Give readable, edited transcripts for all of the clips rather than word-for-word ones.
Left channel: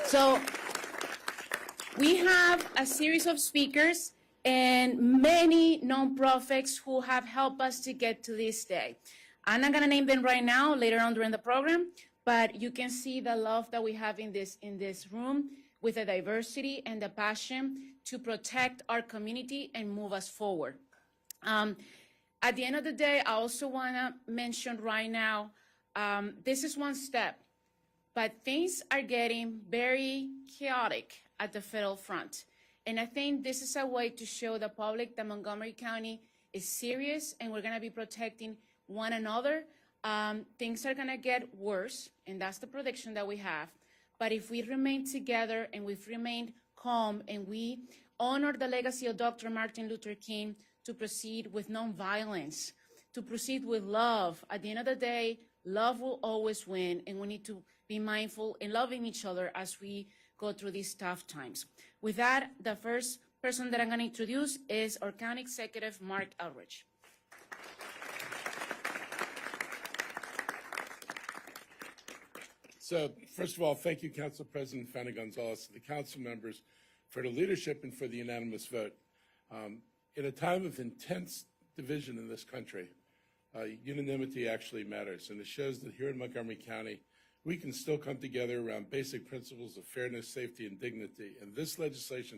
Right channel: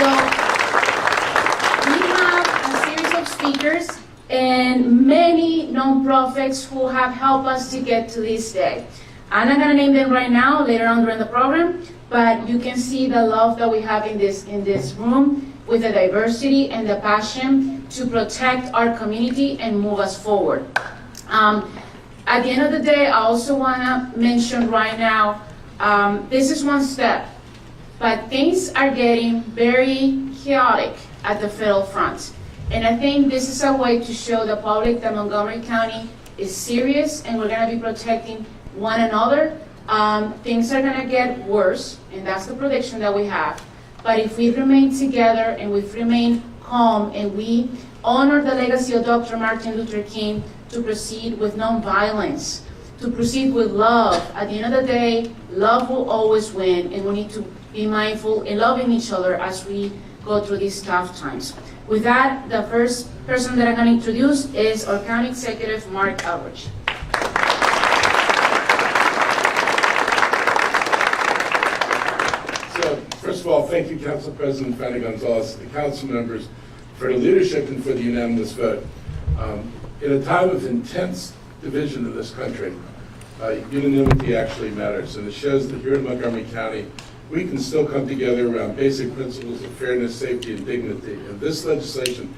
So we have a series of speakers and many nonprofits who have helped us to get to this day. I'm not going to name them right now, later on during the program, but you can see the love that we have in this room with the diversity and the passion to protect our community and move us forward. At the end of the day, I also want to mention right now, this is one step, but things are getting very chaotic at the federal front. And I think this is a way to show the public that Montgomery County is serious and we're going to be protecting one another. Things are going to get worse, and that's the prediction that we have. But if we remain together and we remain calm and we honor the legacy of Dr. Martin Luther King to proceed with nonviolence, to proceed with love, at the end of the day, love will always win, and we need to be mindful in loving each other as we go through these tough times. With that, the first person that I'm going to introduce is our County Executive, Marc Elrich. So, first of all, thank you, Council President Fanny Gonzalez, the council members, for the leadership and for the unanimous vote. In a time of intense division in this country, unanimity actually matters, and it shows that here in Montgomery County, we can still come together around basic principles of fairness, safety, and dignity. And this legislation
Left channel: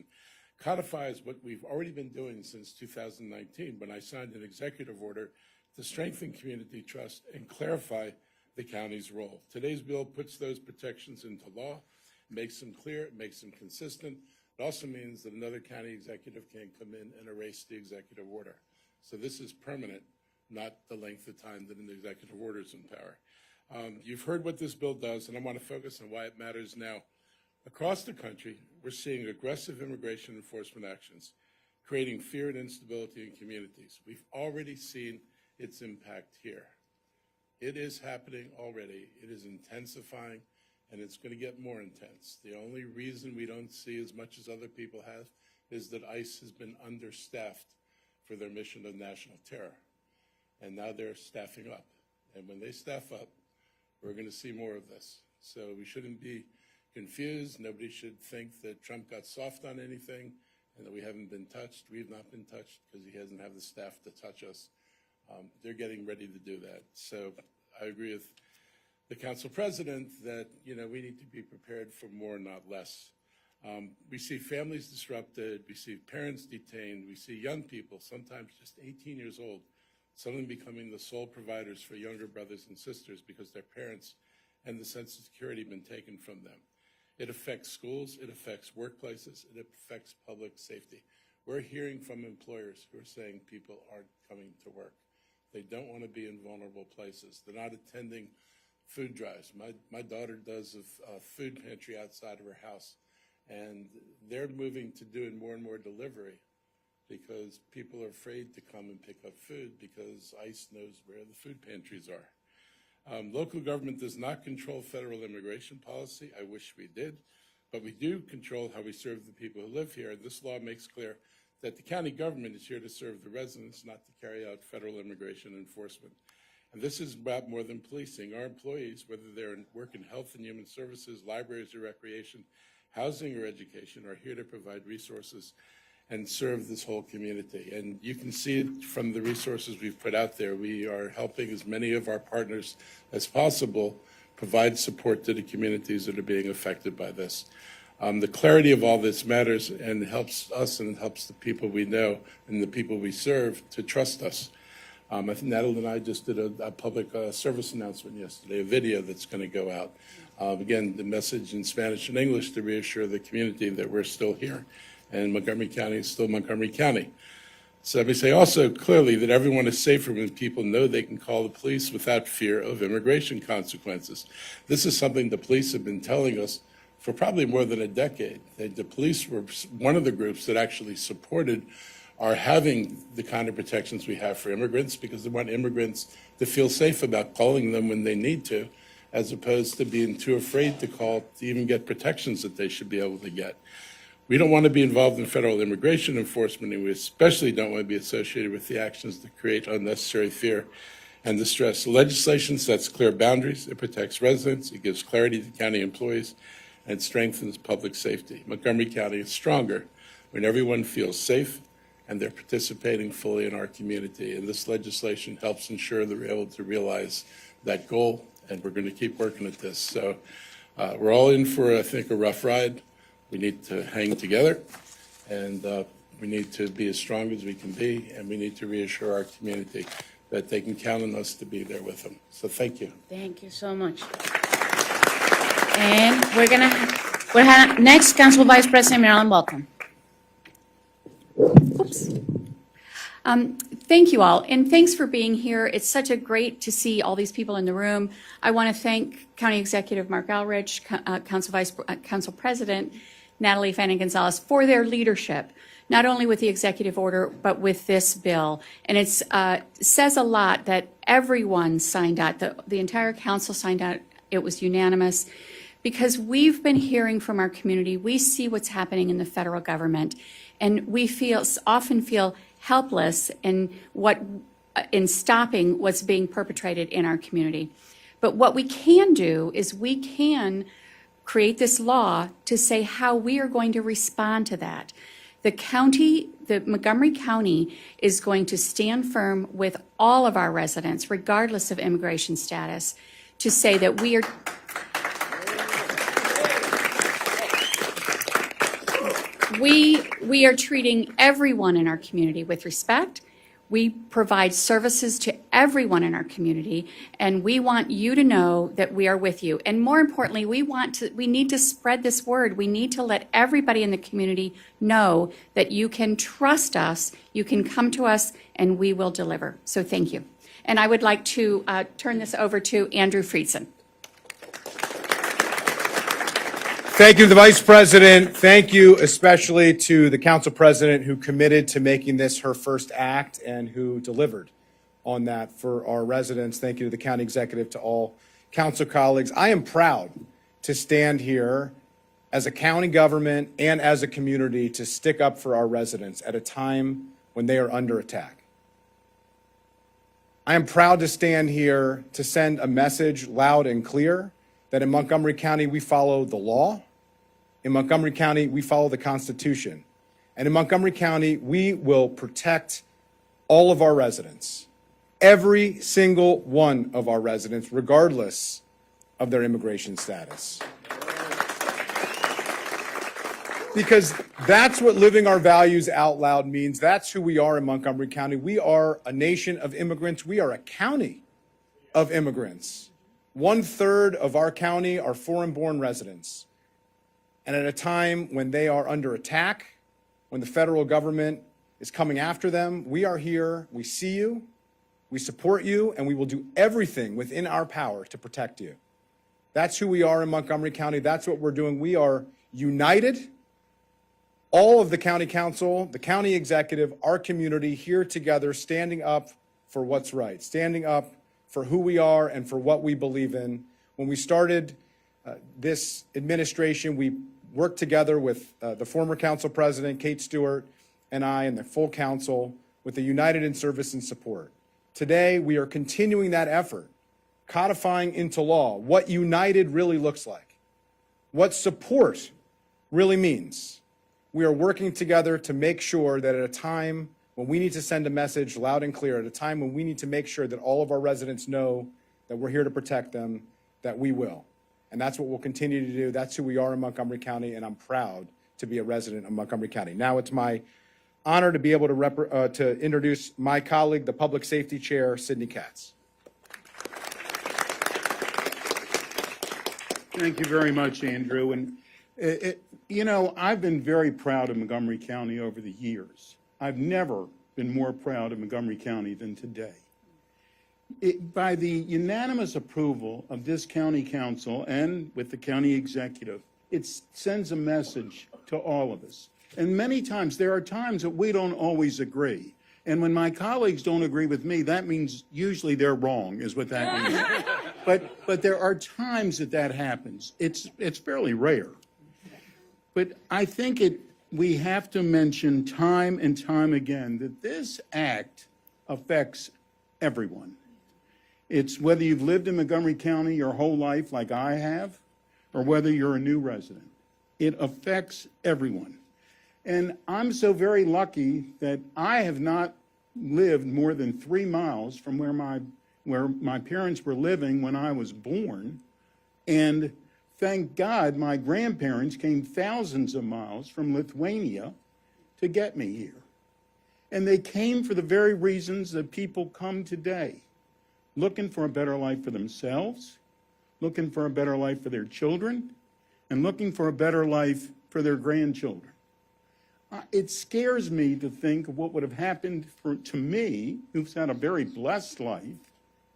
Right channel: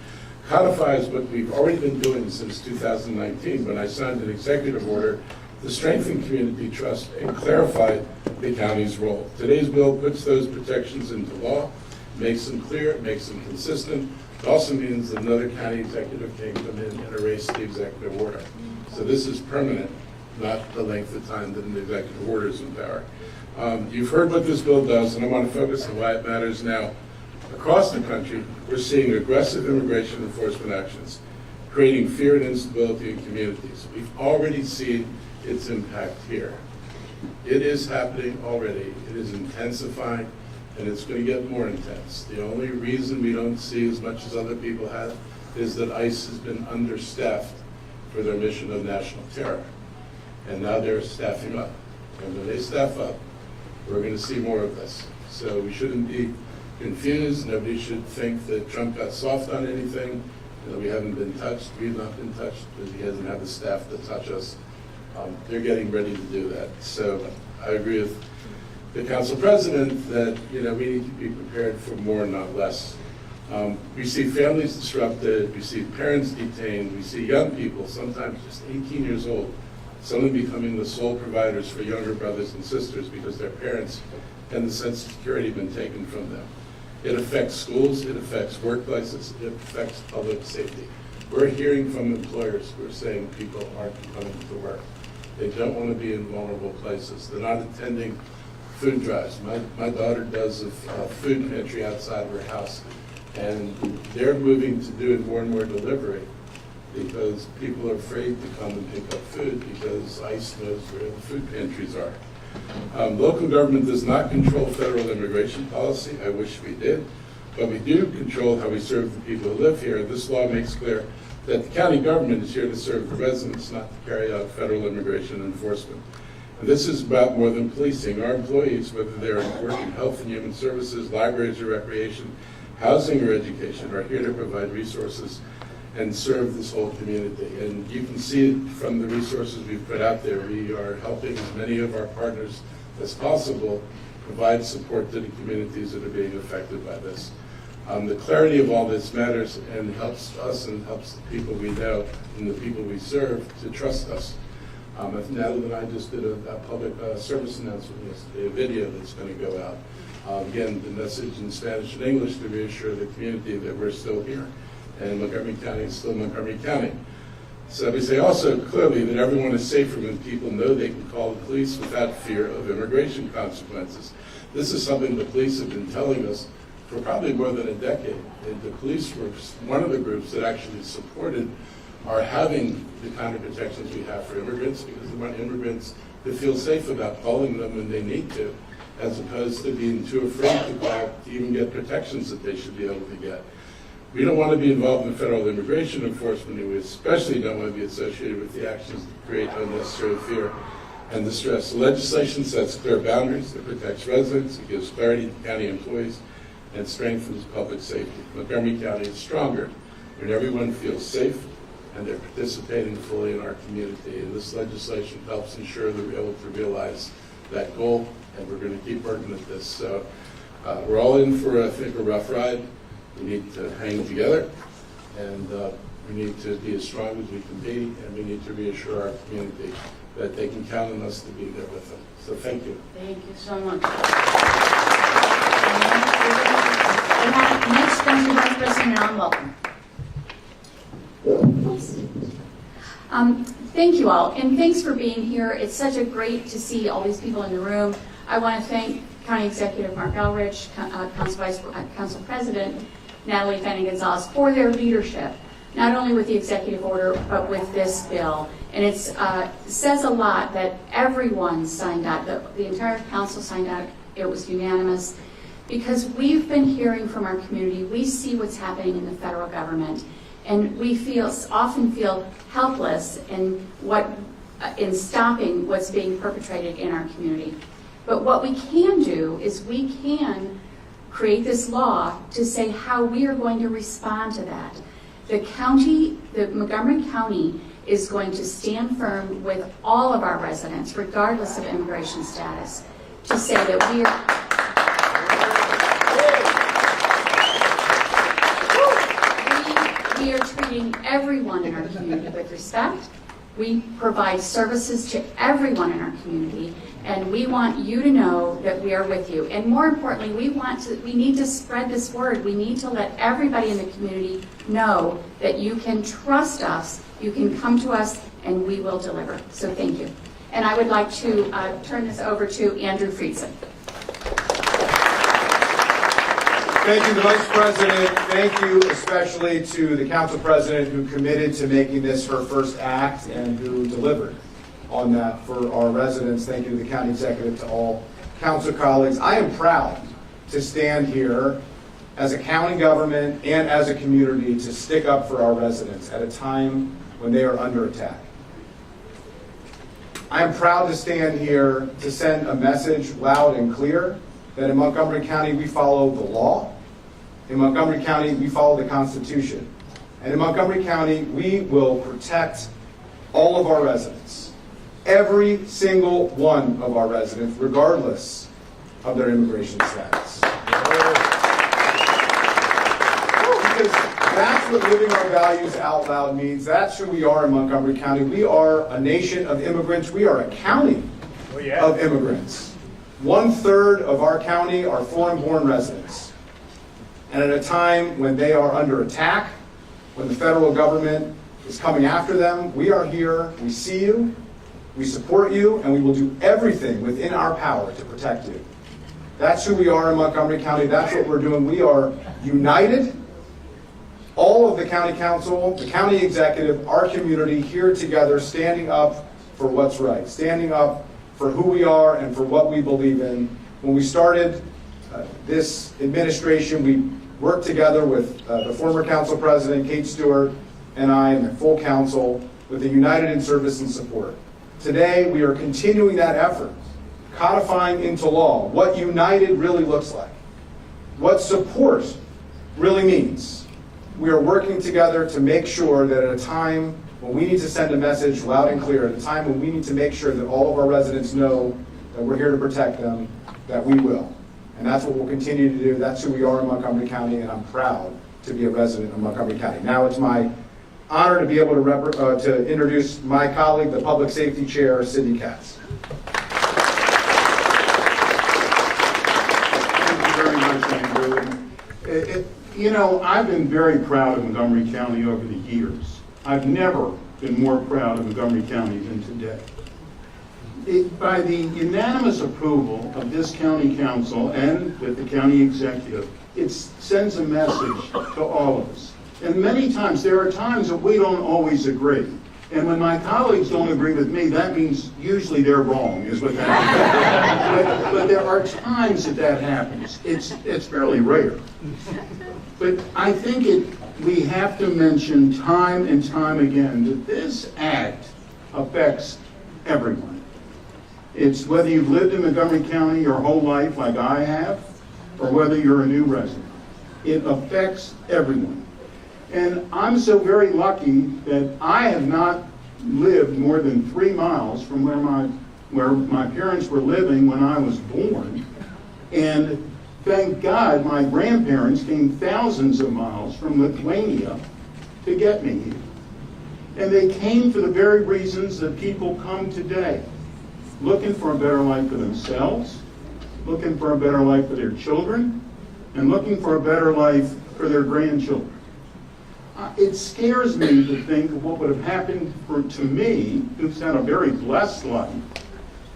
codifies what we've already been doing since 2019, when I signed an executive order to strengthen community trust and clarify the county's role. Today's bill puts those protections into law, makes them clear, makes them consistent. It also means that another county executive can come in and erase the executive order. So this is permanent, not the length of time that an executive order is in power. You've heard what this bill does, and I want to focus on why it matters now. Across the country, we're seeing aggressive immigration enforcement actions, creating fear and instability in communities. We've already seen its impact here. It is happening already. It is intensifying, and it's going to get more intense. The only reason we don't see as much as other people have is that ICE has been understaffed for their mission of national terror. And now they're staffing up. And when they staff up, we're going to see more of this. So we shouldn't be confused. Nobody should think that Trump got soft on anything. You know, we haven't been touched. We've not been touched because he hasn't had the staff to touch us. They're getting ready to do that. So I agree with the council president that we need to be prepared for more, not less. We see families disrupted. We see parents detained. We see young people, sometimes just 18 years old, some of them becoming the sole providers for younger brothers and sisters because their parents and the sense of security have been taken from them. It affects schools, it affects workplaces, it affects public safety. We're hearing from employers who are saying people aren't coming to work. They don't want to be in vulnerable places. They're not attending food drives. My daughter does a food pantry outside of her house, and they're moving to doing more and more delivery because people are afraid to come and pick up food because ICE knows where the food pantries are. Local government does not control federal immigration policy. I wish we did, but we do control how we serve the people who live here. This law makes clear that the county government is here to serve the residents, not to carry out federal immigration enforcement. And this is about more than policing. Our employees, whether they're working health and human services, libraries or recreation, housing or education, are here to provide resources and serve this whole community. And you can see it from the resources we've put out there. We are helping as many of our partners as possible provide support to the communities that are being affected by this. The clarity of all this matters and helps us and helps the people we know and the people we serve to trust us. And that reminds us of the public service announcement, the video that's going to go out. Again, the message in Spanish and English to reassure the community that we're still here. And Montgomery County is still Montgomery County. So they say also clearly that everyone is safer when people know they can call the police without fear of immigration consequences. This is something the police have been telling us for probably more than a decade. And the police were one of the groups that actually supported our having the kind of protections we have for immigrants, because we want immigrants to feel safe about calling them when they need to, as opposed to being too afraid to call to even get protections that they should be able to get. We don't want to be involved in federal immigration enforcement. We especially don't want to be associated with the actions that create unnecessary fear and distress. So legislation sets clear boundaries, that protects residents, it gives clarity to county employees, and strengthens public safety. Montgomery County is stronger when everyone feels safe and they're participating fully in our community. This legislation helps ensure that we're able to realize that goal, and that we're going to keep working at this. So we're all in for, I think, a rough ride. We need to hang together, and we need to be as strong as we can be, and we need to reassure our community that they can count on us to be there with them. So thank you. Thank you so much. And we're having next, Council Vice President Marilyn, welcome. Thank you all, and thanks for being here. It's such a great to see all these people in the room. I want to thank County Executive Marc Elrich, Council President Natalie Fanning Gonzalez for their leadership, not only with the executive order, but with this bill. And it says a lot that everyone signed out, the entire council signed out. It was unanimous. Because we've been hearing from our community, we see what's happening in the federal government, and we often feel helpless in stopping what's being perpetrated in our community. But what we can do is we can create this law to say how we are going to respond to that. The Montgomery County is going to stand firm with all of our residents, regardless of immigration status, to say that we are treating everyone in our community with respect. We provide services to everyone in our community, and we want you to know that we are with you. And more importantly, we need to spread this word. We need to let everybody in the community know that you can trust us, you can come to us, and we will deliver. So thank you. And I would like to turn this over to Andrew Friedson. Thank you, the Vice President. Thank you especially to the Council President who committed to making this her first act and who delivered on that for our residents. Thank you to the County Executive, all Council colleagues. I am proud to stand here as a county government and as a community to stick up for our residents at a time when they are under attack. I am proud to stand here to send a message loud and clear that in Montgomery County we follow the law, in Montgomery County we follow the Constitution, and in Montgomery County we will protect all of our residents, every single one of our residents, regardless of their immigration status. Because that's what living our values out loud means. That's who we are in Montgomery County. We are a nation of immigrants. We are a county of immigrants. 1/3 of our county are foreign-born residents. And at a time when they are under attack, when the federal government is coming after them, we are here, we see you, we support you, and we will do everything within our power to protect you. That's who we are in Montgomery County. That's what we're doing. We are united. All of the county council, the county executive, our community here together, standing up for what's right, standing up for who we are and for what we believe in. When we started this administration, we worked together with the former council president, Kate Stewart, and I, and the full council, with a united service and support. Today, we are continuing that effort, codifying into law what united really looks like, what support really means. We are working together to make sure that at a time when we need to send a message loud and clear, at a time when we need to make sure that all of our residents know that we're here to protect them, that we will. And that's what we'll continue to do. That's who we are in Montgomery County, and I'm proud to be a resident of Montgomery County. Now it's my honor to be able to introduce my colleague, the Public Safety Chair, Sidney Cass. Thank you very much, Andrew. You know, I've been very proud of Montgomery County over the years. I've never been more proud of Montgomery County than today. By the unanimous approval of this county council and with the county executive, it sends a message to all of us. And many times, there are times that we don't always agree. And when my colleagues don't agree with me, that means usually they're wrong, is what that means. But there are times that happens. It's fairly rare. But I think we have to mention time and time again that this act affects everyone. It's whether you've lived in Montgomery County your whole life like I have, or whether you're a new resident. It affects everyone. And I'm so very lucky that I have not lived more than 3 miles from where my parents were living when I was born. And thank God my grandparents came thousands of miles from Lithuania to get me. And they came for the very reasons that people come today, looking for a better life for themselves, looking for a better life for their children, and looking for a better life for their grandchildren. It scares me to think what would have happened to me, who's had a very blessed life,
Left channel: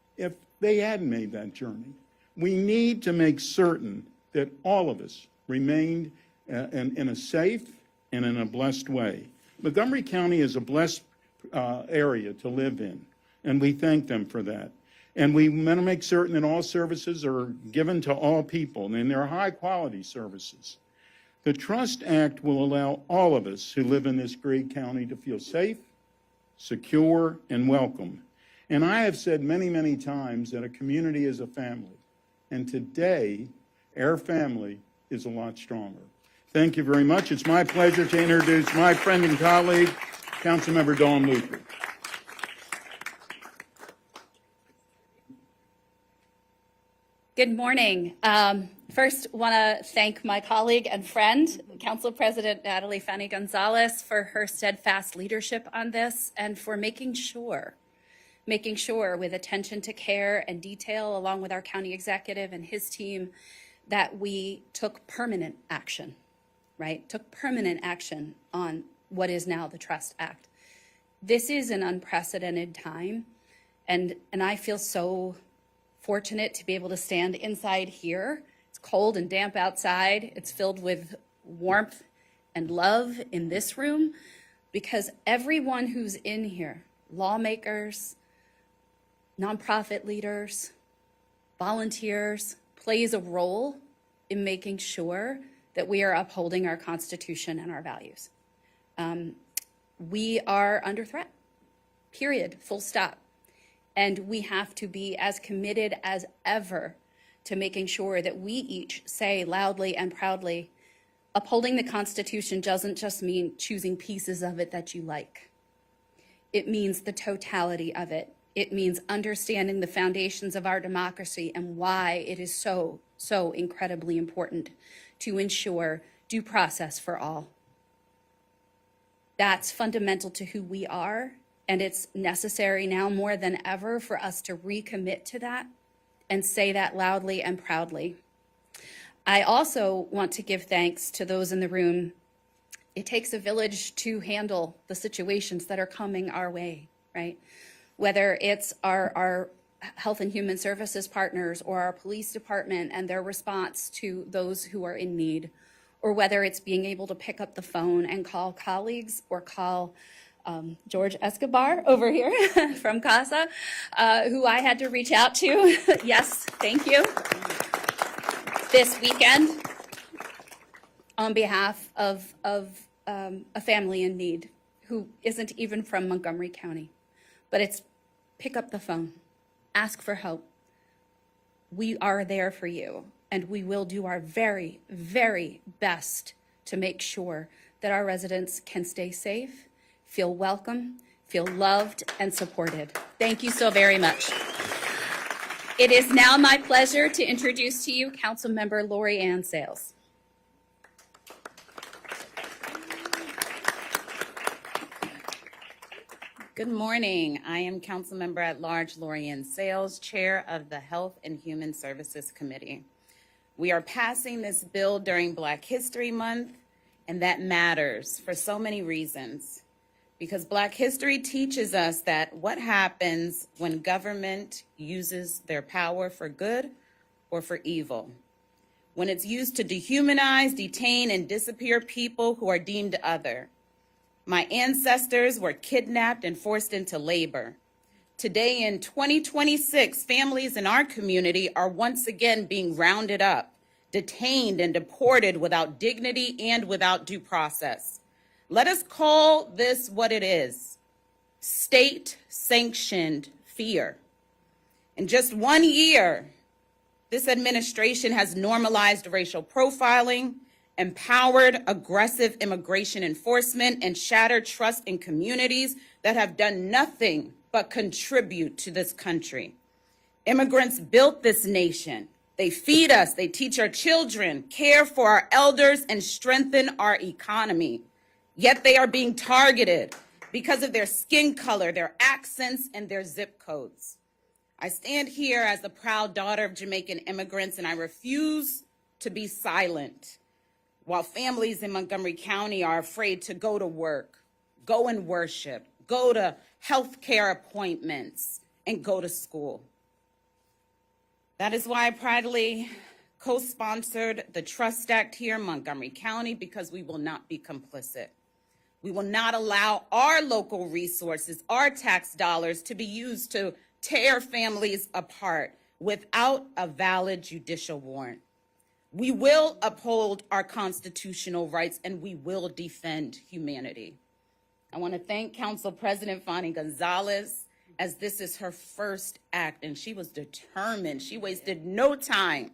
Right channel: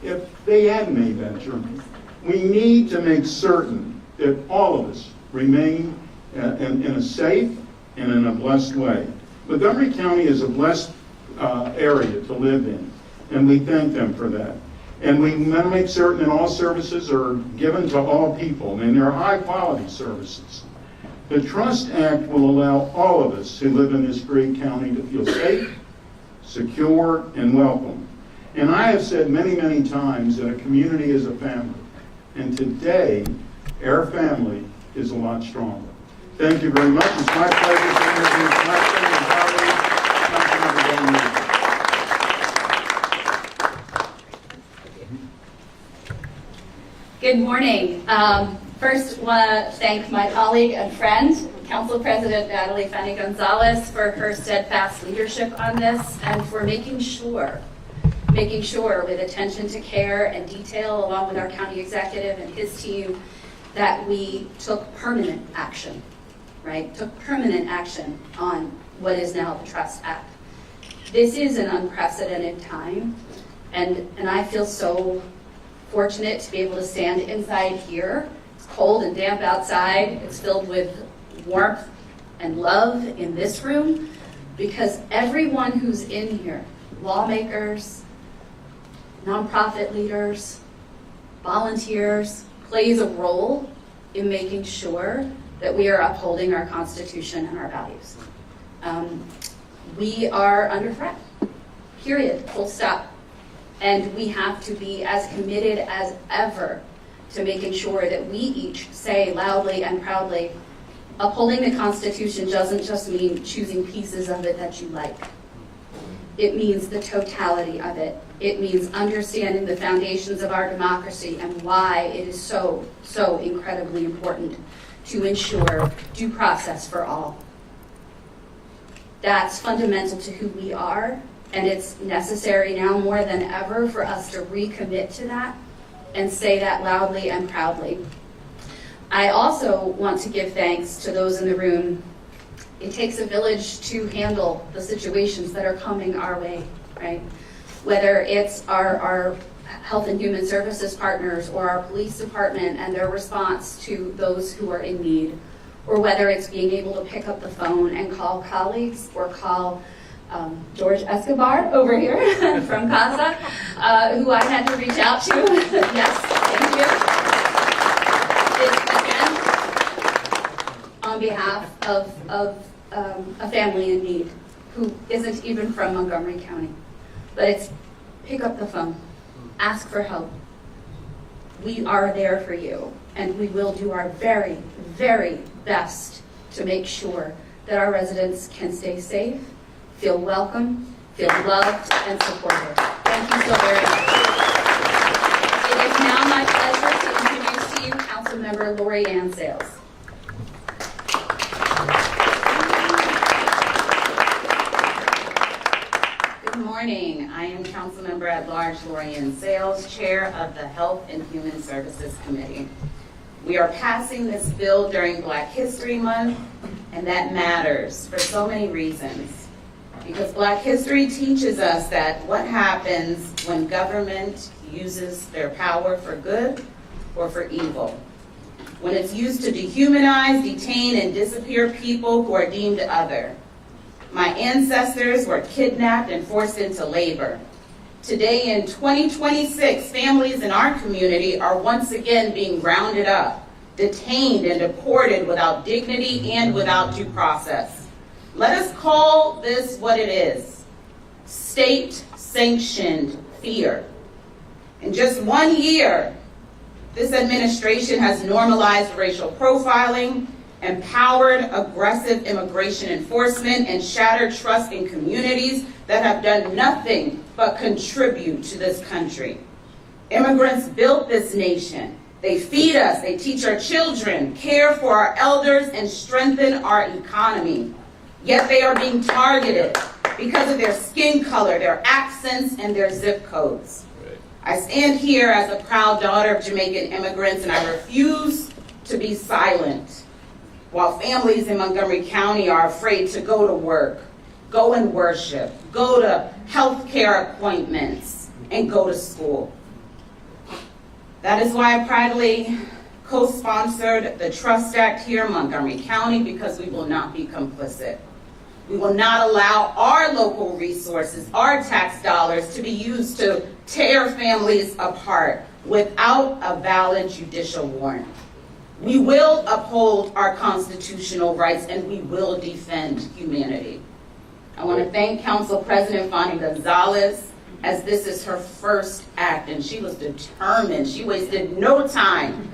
if they had made that journey. We need to make certain that all of us remain in a safe and in a blessed way. Montgomery County is a blessed area to live in, and we thank them for that. And we make certain that all services are given to all people, and they're high-quality services. The Trust Act will allow all of us who live in this great county to feel safe, secure, and welcome. And I have said many, many times that a community is a family. And today, our family is a lot stronger. Thank you very much. It's my pleasure to introduce my friend and colleague, Councilmember Elrich. Good morning. First, want to thank my colleague and friend, Council President Natalie Gonzalez, for her steadfast leadership on this and for making sure with attention to care and detail along with our county executive and his team that we took permanent action, right? Took permanent action on what is now the Trust Act. This is an unprecedented time, and I feel so fortunate to be able to stand inside here. It's cold and damp outside. It's filled with warmth and love in this room because everyone who's in here, lawmakers, nonprofit leaders, volunteers, plays a role in making sure that we are upholding our Constitution and our values. We are under threat, period, full stop. And we have to be as committed as ever to making sure that we each say loudly and proudly, upholding the Constitution doesn't just mean choosing pieces of it that you like. It means the totality of it. It means understanding the foundations of our democracy and why it is so incredibly important to ensure due process for all. That's fundamental to who we are. And it's necessary now more than ever for us to recommit to that and say that loudly and proudly. I also want to give thanks to those in the room. It takes a village to handle the situations that are coming our way, right? Whether it's our Health and Human Services partners or our police department and their response to those who are in need, or whether it's being able to pick up the phone and call colleagues or call George Escobar over here from Casa, who I had to reach out to. Yes, thank you. This weekend, on behalf of a family in need who isn't even from Montgomery County, but it's pick up the phone, ask for help. We are there for you, and we will do our very, very best to make sure that our residents can stay safe, feel welcome, feel loved, and supported. Thank you so very much. It is now my pleasure to introduce to you Councilmember Lori Sales. Good morning. I am Councilmember at Large Lori Sales, Chair of the Health and Human Services Committee. We are passing this bill during Black History Month, and that matters for so many reasons. Because Black history teaches us that what happens when government uses their power for good or for evil. When it's used to dehumanize, detain, and disappear people who are deemed other. My ancestors were kidnapped and forced into labor. Today in 2026, families in our community are once again being rounded up, detained and deported without dignity and without due process. Let us call this what it is: state-sanctioned fear. In just 1 year, this administration has normalized racial profiling empowered aggressive immigration enforcement, and shattered trust in communities that have done nothing but contribute to this country. Immigrants built this nation. They feed us, they teach our children, care for our elders, and strengthen our economy. Yet they are being targeted because of their skin color, their accents, and their zip codes. I stand here as a proud daughter of Jamaican immigrants, and I refuse to be silent while families in Montgomery County are afraid to go to work, go and worship, go to health care appointments, and go to school. That is why I proudly co-sponsored the Trust Act here in Montgomery County, because we will not be complicit. We will not allow our local resources, our tax dollars, to be used to tear families apart without a valid judicial warrant. We will uphold our constitutional rights, and we will defend humanity. I want to thank Council President Fanny Gonzalez, as this is her first act, and she was determined. She wasted no time.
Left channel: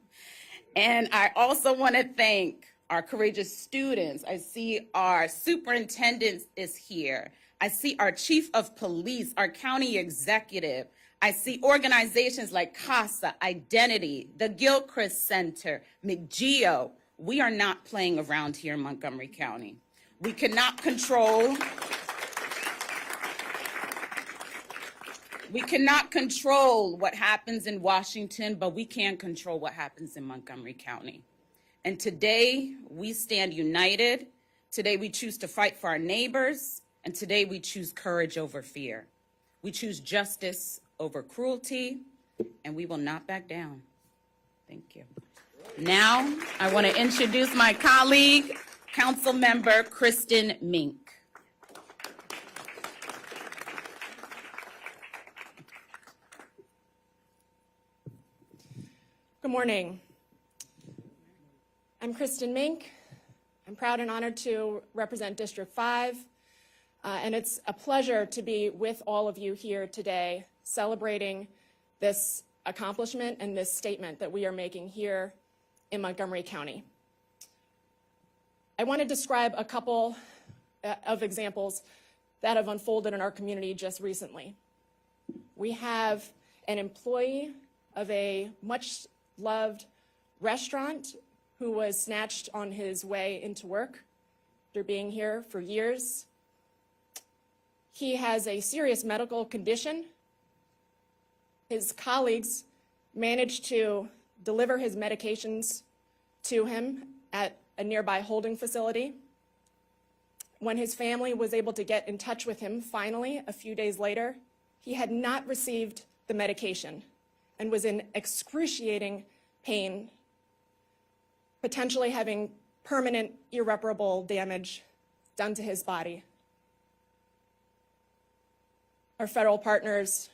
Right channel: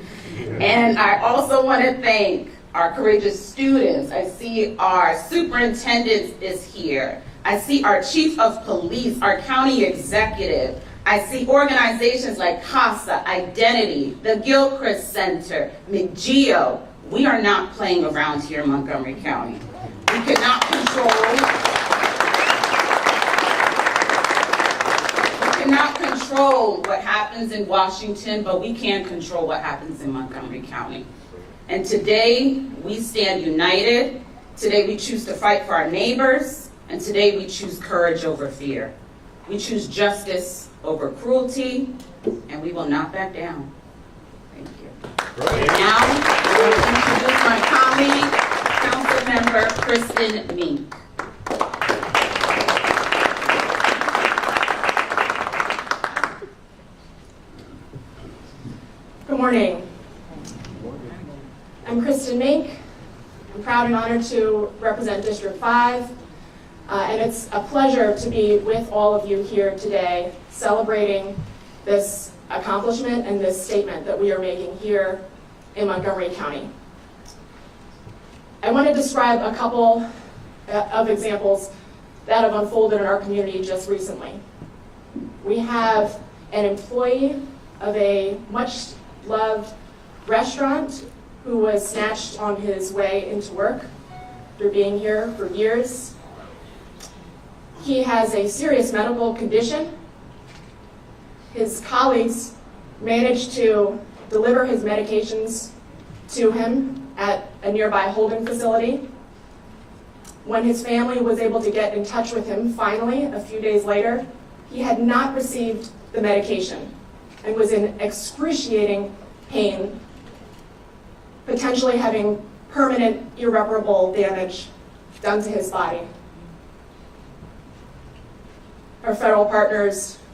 And I also want to thank our courageous students. I see our superintendent is here. I see our chief of police, our county executive. I see organizations like CASA, Identity, the Gilchrist Center, McGeo. We are not playing around here in Montgomery County. We cannot control what happens in Washington, but we can control what happens in Montgomery County. And today, we stand united. Today, we choose to fight for our neighbors. And today, we choose courage over fear. We choose justice over cruelty, and we will not back down. Thank you. Now, I will introduce my colleague, Councilmember Kristen Meek. Good morning. I'm Kristen Meek. I'm proud and honored to represent District 5, and it's a pleasure to be with all of you here today celebrating this accomplishment and this statement that we are making here in Montgomery County. I want to describe a couple of examples that have unfolded in our community just recently. We have an employee of a much-loved restaurant who was snatched on his way into work after being here for years. He has a serious medical condition. His colleagues managed to deliver his medications to him at a nearby holding facility. When his family was able to get in touch with him finally, a few days later, he had not received the medication and was in excruciating pain, potentially having permanent, irreparable damage done to his body. Our federal partners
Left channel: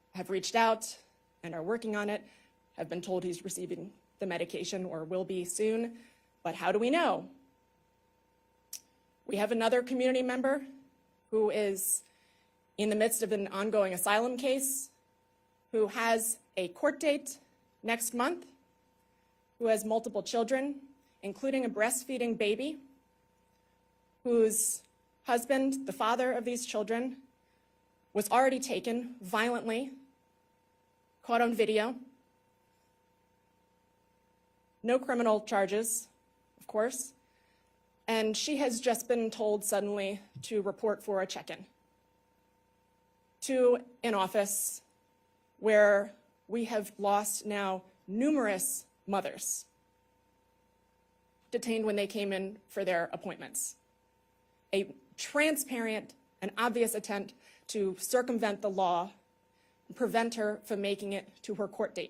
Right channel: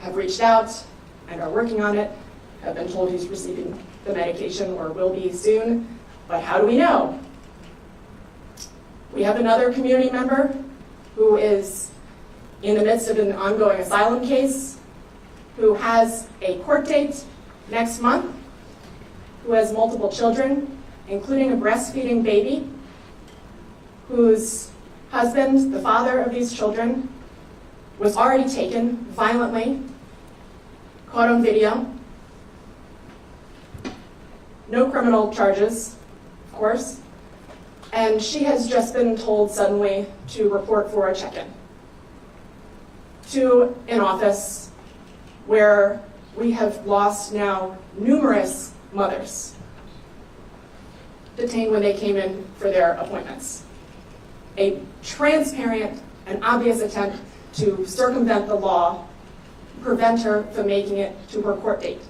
have reached out and are working on it, have been told he's receiving the medication or will be soon, but how do we know? We have another community member who is in the midst of an ongoing asylum case, who has a court date next month, who has multiple children, including a breastfeeding baby, whose husband, the father of these children, was already taken violently, caught on video. No criminal charges, of course, and she has just been told suddenly to report for a check-in to an office where we have lost now numerous mothers detained when they came in for their appointments. A transparent and obvious attempt to circumvent the law, prevent her from making it to her court date.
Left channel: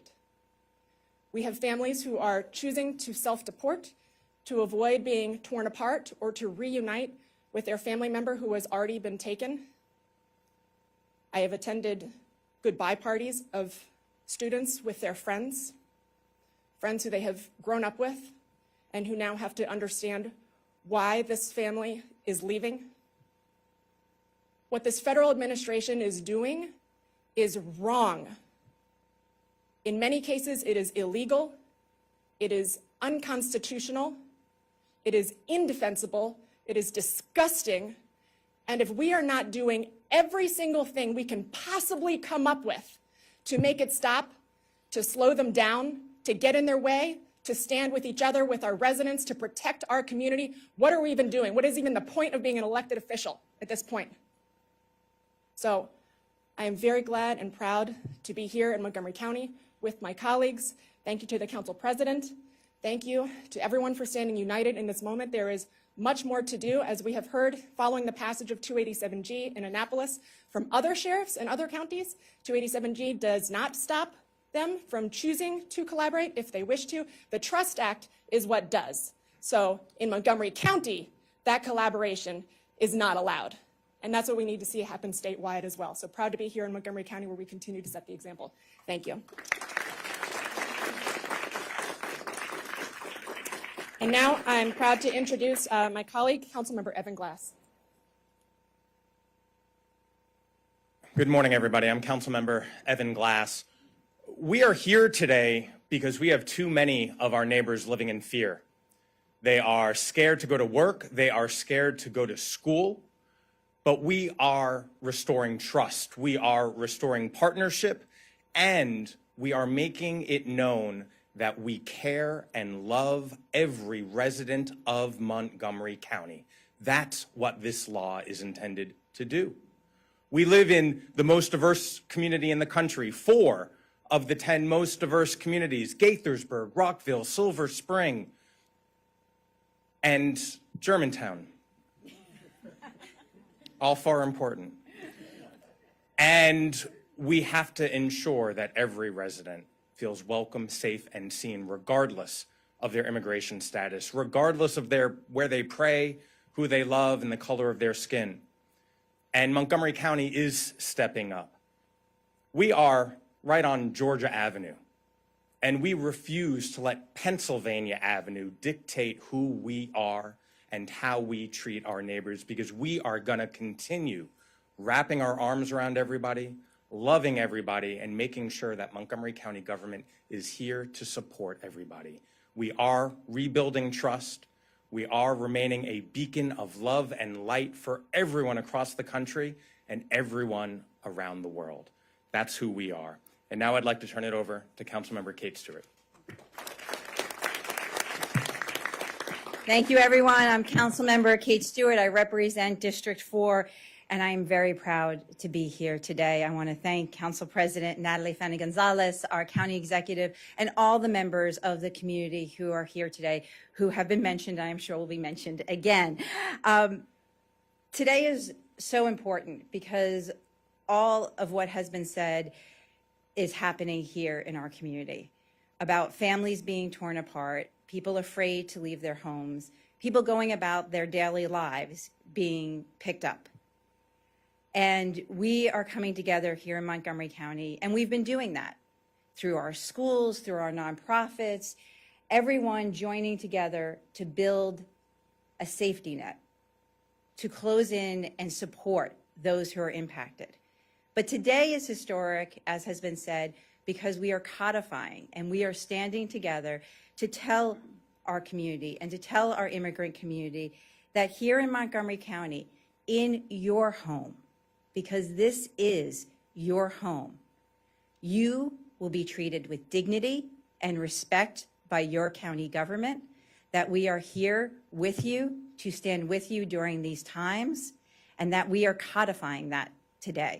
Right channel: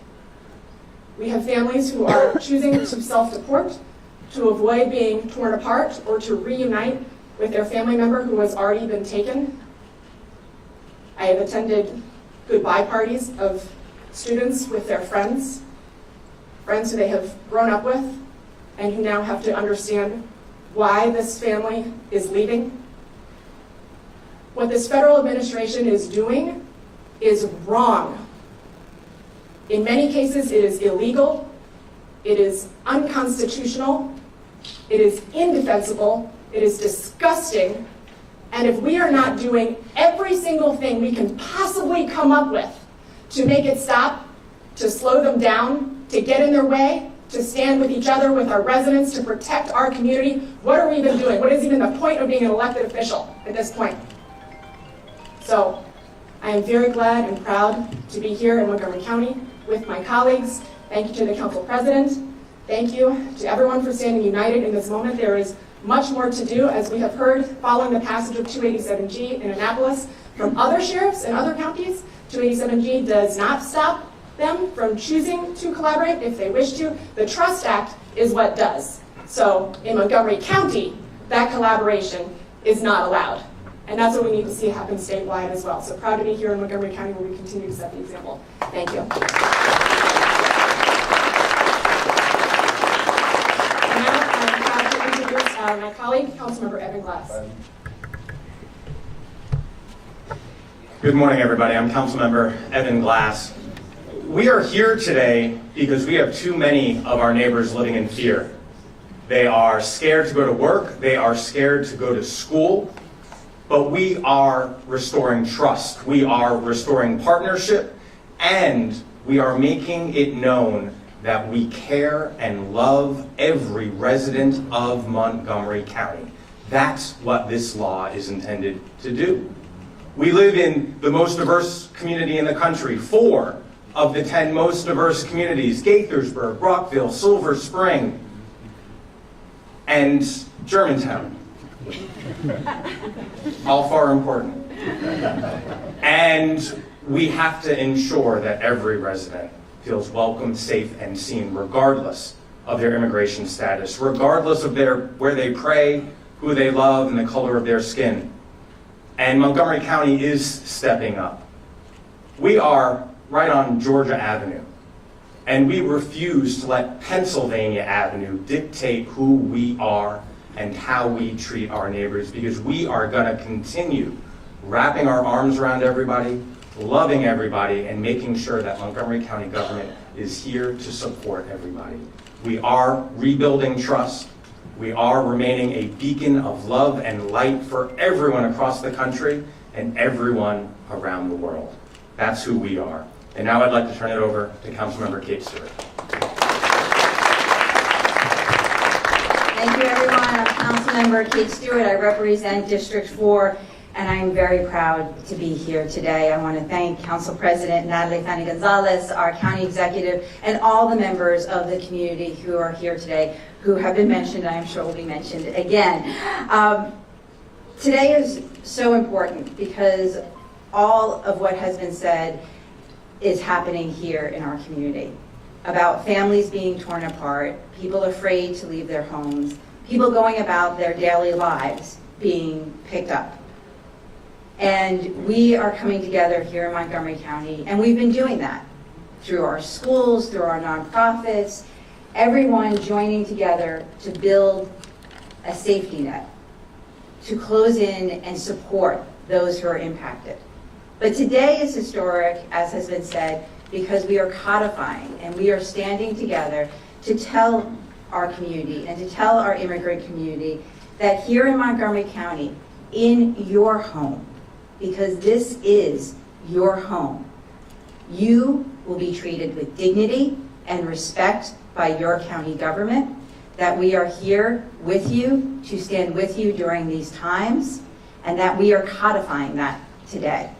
We have families who are choosing to self-deport to avoid being torn apart or to reunite with their family member who has already been taken. I have attended goodbye parties of students with their friends who they have grown up with, and who now have to understand why this family is leaving. What this federal administration is doing is wrong. In many cases, it is illegal, it is unconstitutional, It is indefensible, it is disgusting, and if we are not doing every single thing we can possibly come up with to make it stop, to slow them down, to get in their way, to stand with each other, with our residents, to protect our community, what are we even doing? What is even the point of being an elected official at this point? So, I am very glad and proud to be here in Montgomery County with my colleagues. Thank you to the council president. Thank you to everyone for standing united in this moment. There is much more to do, as we have heard following the passage of 287G in Annapolis from other sheriffs in other counties. 287G does not stop them from choosing to collaborate if they wish to. The Trust Act is what does. So in Montgomery County, that collaboration is not allowed. And that's what we need to see happen statewide as well. So proud to be here in Montgomery County and we continue to set the example. Thank you. My colleague, Councilmember Elrich. Good morning, everybody. I'm Councilmember Evan Glass. We are here today because we have too many of our neighbors living in fear. They are scared to go to work, they are scared to go to school, but we are restoring trust. We are restoring partnership, and we are making it known that we care and love every resident of Montgomery County. That's what this law is intended to do. We live in the most diverse community in the country. 4 of the 10 most diverse communities, Gaithersburg, Brockville, Silver Spring, and Germantown. All far important. And we have to ensure that every resident feels welcome, safe, and seen, regardless of their immigration status, regardless of where they pray, who they love, and the color of their skin. And Montgomery County is stepping up. We are right on Georgia Avenue, and we refuse to let Pennsylvania Avenue dictate who we are and how we treat our neighbors, because we are going to continue wrapping our arms around everybody, loving everybody, and making sure that Montgomery County government is here to support everybody. We are rebuilding trust. We are remaining a beacon of love and light for everyone across the country and everyone around the world. That's who we are. And now I'd like to turn it over to Councilmember Kate Stewart. Thank you, everyone. I'm Councilmember Kate Stewart. I represent District 4, and I am very proud to be here today. I want to thank Council President Natalie Gonzalez, our county executive, and all the members of the community who are here today, who have been mentioned, I am sure will be mentioned again. Today is so important because all of what has been said is happening here in our community. About families being torn apart, people afraid to leave their homes, people going about their daily lives being picked up. And we are coming together here in Montgomery County, and we've been doing that through our schools, through our nonprofits, everyone joining together to build a safety net, to close in and support those who are impacted. But today is historic, as has been said, because we are codifying and we are standing together to tell our community and to tell our immigrant community that here in Montgomery County, in your home, because this is your home, you will be treated with dignity and respect by your county government, that we are here with you to stand with you during these times, and that we are codifying that today.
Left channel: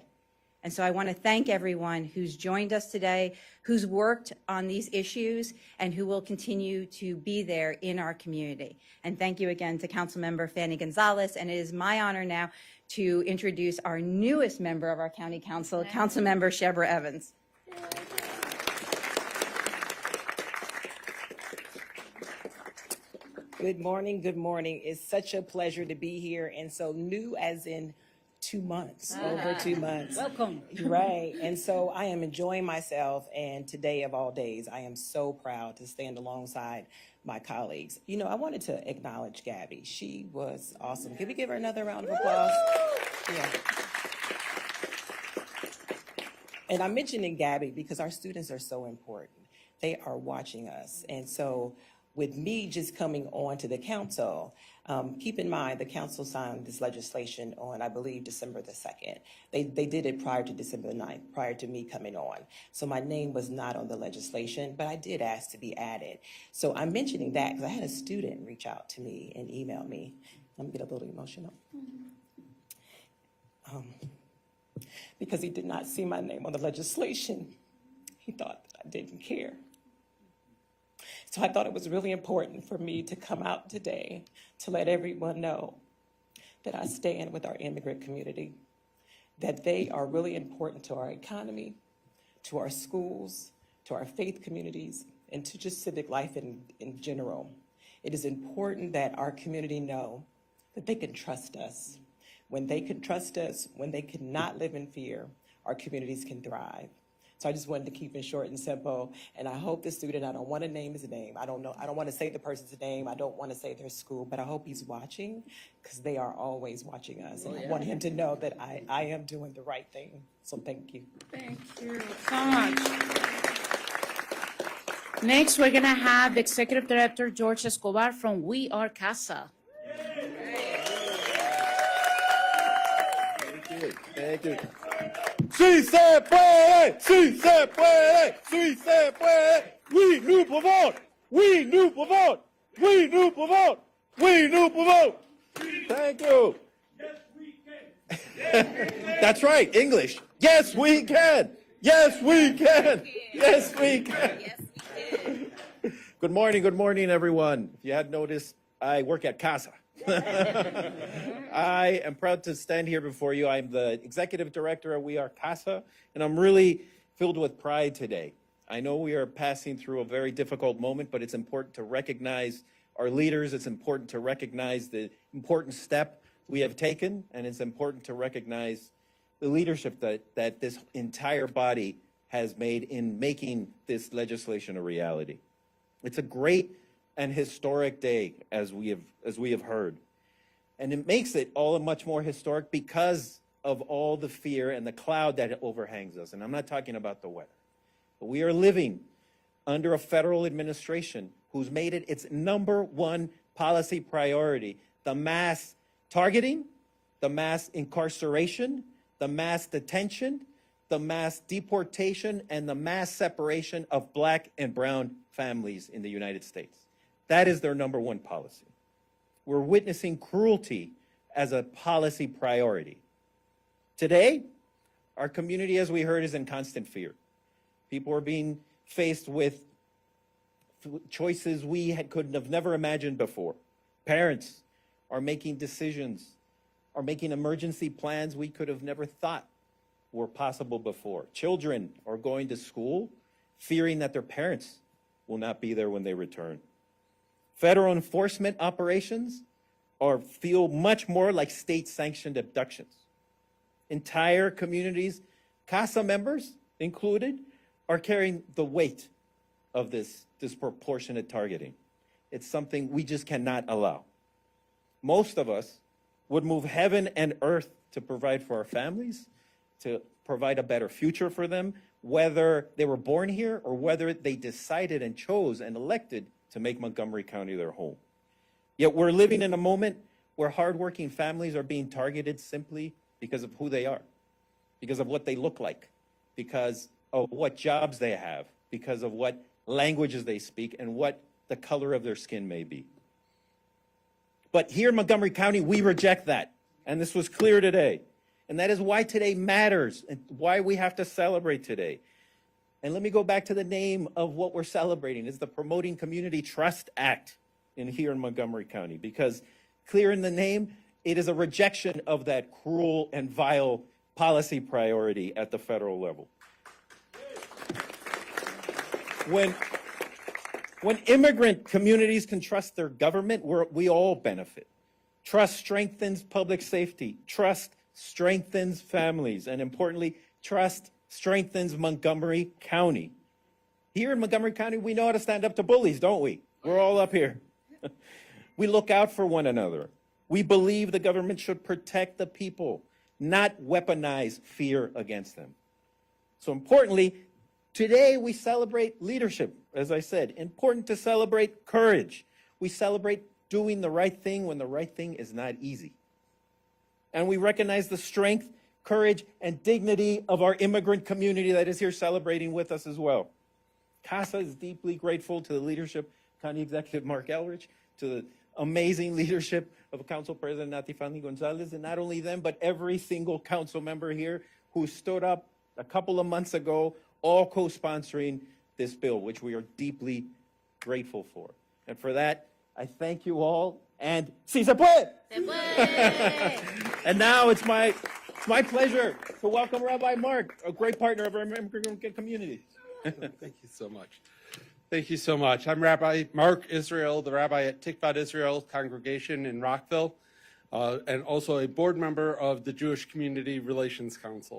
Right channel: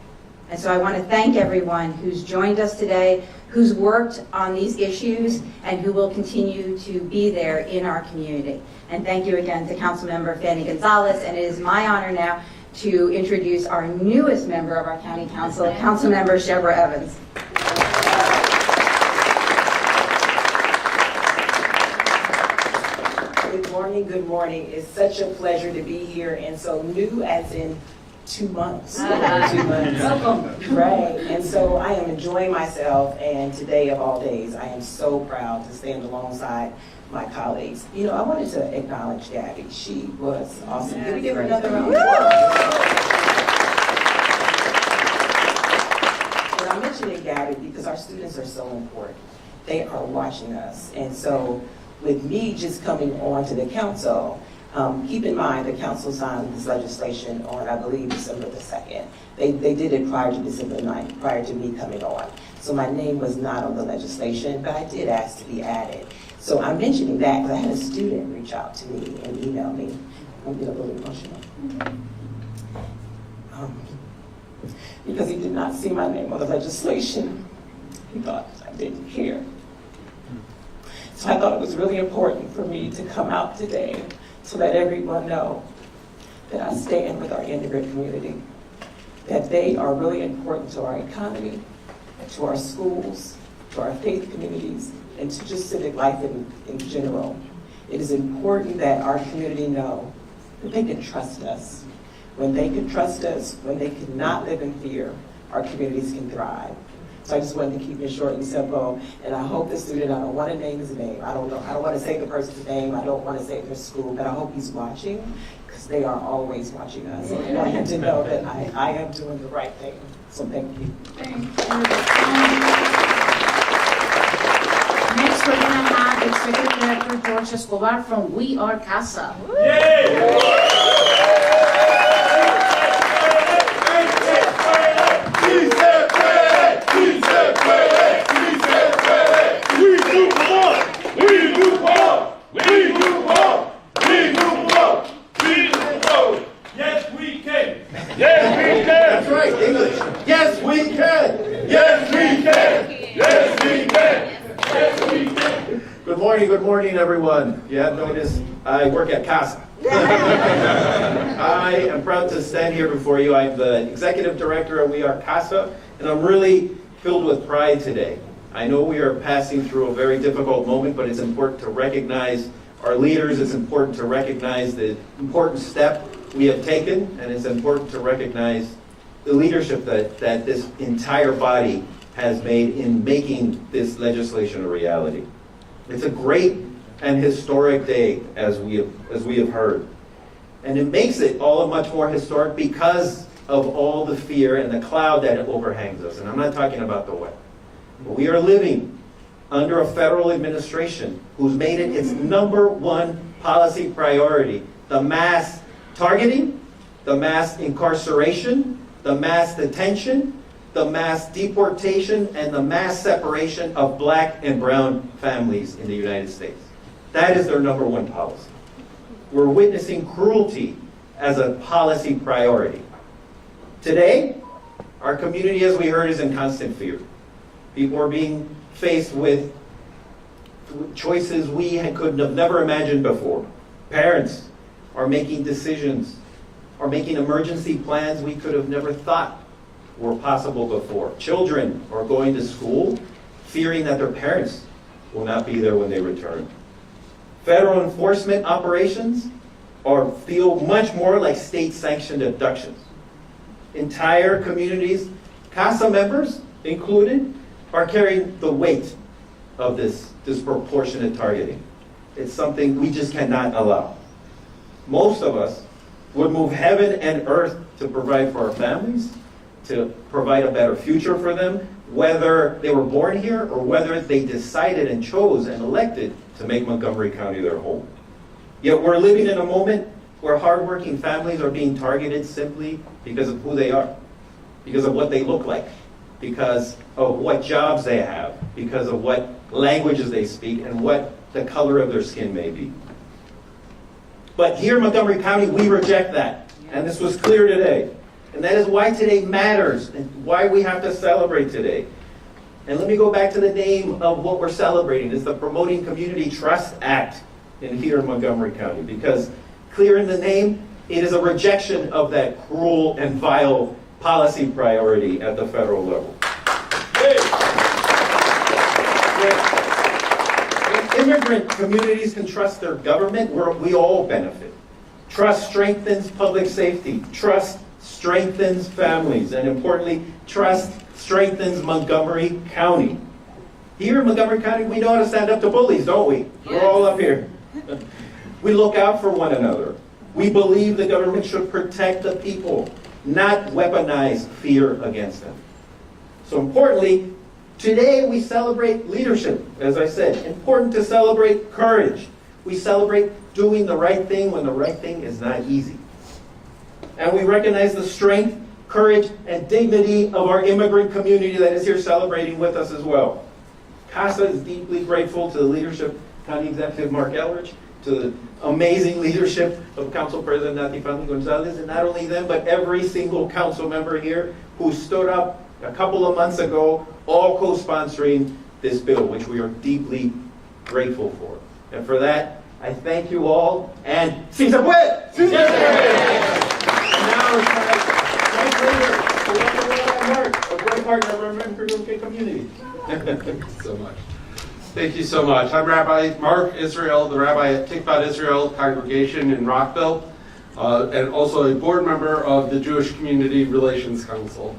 And so I want to thank everyone who's joined us today, who's worked on these issues, and who will continue to be there in our community. And thank you again to Councilmember Fanny Gonzalez, and it is my honor now to introduce our newest member of our county council, Councilmember Deborah Evans. Good morning. It's such a pleasure to be here, and so new as in 2 months. 2 months. Right, and so I am enjoying myself, and today of all days, I am so proud to stand alongside my colleagues. You know, I wanted to acknowledge Gabby. She was awesome. Can we give another round of applause? And I'm mentioning Gabby because our students are so important. They are watching us, and so with me just coming on to the council, keep in mind the council signed this legislation on, I believe, December the 2nd. They did it prior to December 9th, prior to me coming on. So my name was not on the legislation, but I did ask to be added. So I'm mentioning that because I had a student reach out to me and email me. I'm getting a little emotional. Because he did not see my name on the legislation. He thought I didn't care. So I thought it was really important for me to come out today to let everyone know that I stand with our immigrant community, that they are really important to our economy, to our schools, to our faith communities, and to just civic life in general. It is important that our community know that they can trust us. When they can trust us, when they cannot live in fear, our communities can thrive. So I just wanted to keep it short and simple, and I hope the student, I don't want to name his name, I don't want to say the person's name, I don't want to say their school, but I hope he's watching, because they are always watching us. And I want him to know that I am doing the right thing. So thank you. Next, we're going to have Executive Director George Escobar from We Are CASA. Good morning, everyone. You have noticed I work at CASA. I am proud to stand here before you. I'm the executive director of We Are CASA, and I'm really filled with pride today. I know we are passing through a very difficult moment, but it's important to recognize our leaders. It's important to recognize the important step we have taken, and it's important to recognize the leadership that this entire body has made in making this legislation a reality. It's a great and historic day, as we have heard. And it makes it all much more historic because of all the fear and the cloud that overhangs us. And I'm not talking about the weather. But we are living under a federal administration who's made it its #1 policy priority, the mass targeting, the mass incarceration, the mass detention, the mass deportation, and the mass separation of black and brown families in the United States. That is their #1 policy. We're witnessing cruelty as a policy priority. Today, our community, as we heard, is in constant fear. People are being faced with choices we could have never imagined before. Parents are making decisions, are making emergency plans we could have never thought were possible before. Children are going to school fearing that their parents will not be there when they return. Federal enforcement operations feel much more like state-sanctioned abductions. Entire communities, CASA members included, are carrying the weight of this disproportionate targeting. It's something we just cannot allow. Most of us would move heaven and earth to provide for our families, to provide a better future for them, whether they were born here or whether they decided and chose and elected to make Montgomery County their home. Yet we're living in a moment where hardworking families are being targeted simply because of who they are, because of what they look like, because of what jobs they have, because of what languages they speak, and what the color of their skin may be. But here in Montgomery County, we reject that, and this was clear today. And that is why today matters, and why we have to celebrate today. And let me go back to the name of what we're celebrating. It's the Promoting Community Trust Act here in Montgomery County, because clear in the name, it is a rejection of that cruel and vile policy priority at the federal level. When immigrant communities can trust their government, we all benefit. Trust strengthens public safety. Trust strengthens families. And importantly, trust strengthens Montgomery County. Here in Montgomery County, we know how to stand up to bullies, don't we? We're all up here. We look out for one another. We believe the government should protect the people, not weaponize fear against them. So importantly, Today, we celebrate leadership, as I said. Important to celebrate courage. We celebrate doing the right thing when the right thing is not easy. And we recognize the strength, courage, and dignity of our immigrant community that is here celebrating with us as well. CASA is deeply grateful to the leadership of County Executive Marc Elrich, to the amazing leadership of Council President Nati Gonzalez, and not only them, but every single council member here who stood up a couple of months ago, all co-sponsoring this bill, which we are deeply grateful for. And for that, I thank you all, and si se fue! Si se So much. Thank you so much. I'm Rabbi Marc Israel, the Rabbi at Tikvat Israel Congregation in Rockville, and also a board member of the Jewish Community Relations Council.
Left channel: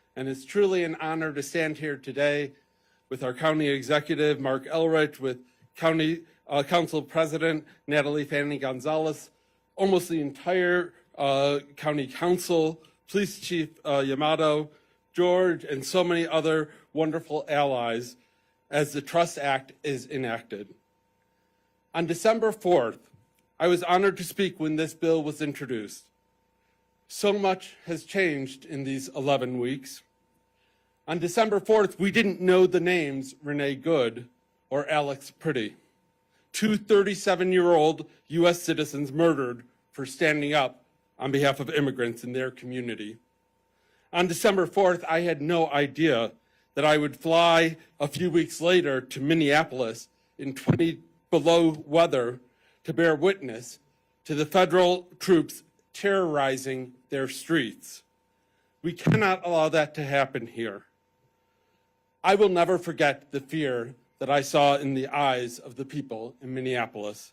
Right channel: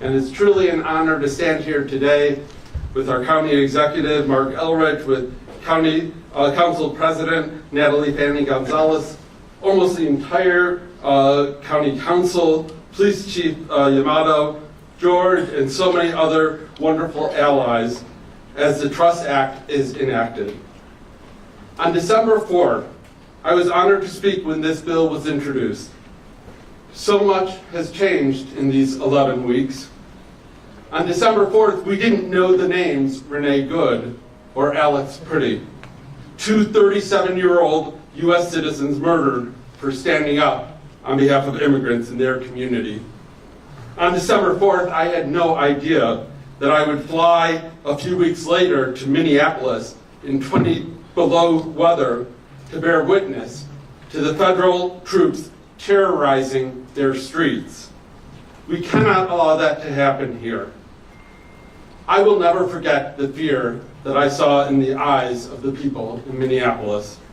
And it's truly an honor to stand here today with our county executive, Marc Elrich, with county council president, Natalie Fanning Gonzalez, almost the entire county council, police chief Yamato, George, and so many other wonderful allies as the Trust Act is enacted. On December 4th, I was honored to speak when this bill was introduced. So much has changed in these 11 weeks. On December 4th, we didn't know the names Renee Good or Alex Pretty, two 37-year-old U.S. citizens murdered for standing up on behalf of immigrants in their community. On December 4th, I had no idea that I would fly a few weeks later to Minneapolis in 20 below weather to bear witness to the federal troops terrorizing their streets. We cannot allow that to happen here. I will never forget the fear that I saw in the eyes of the people in Minneapolis.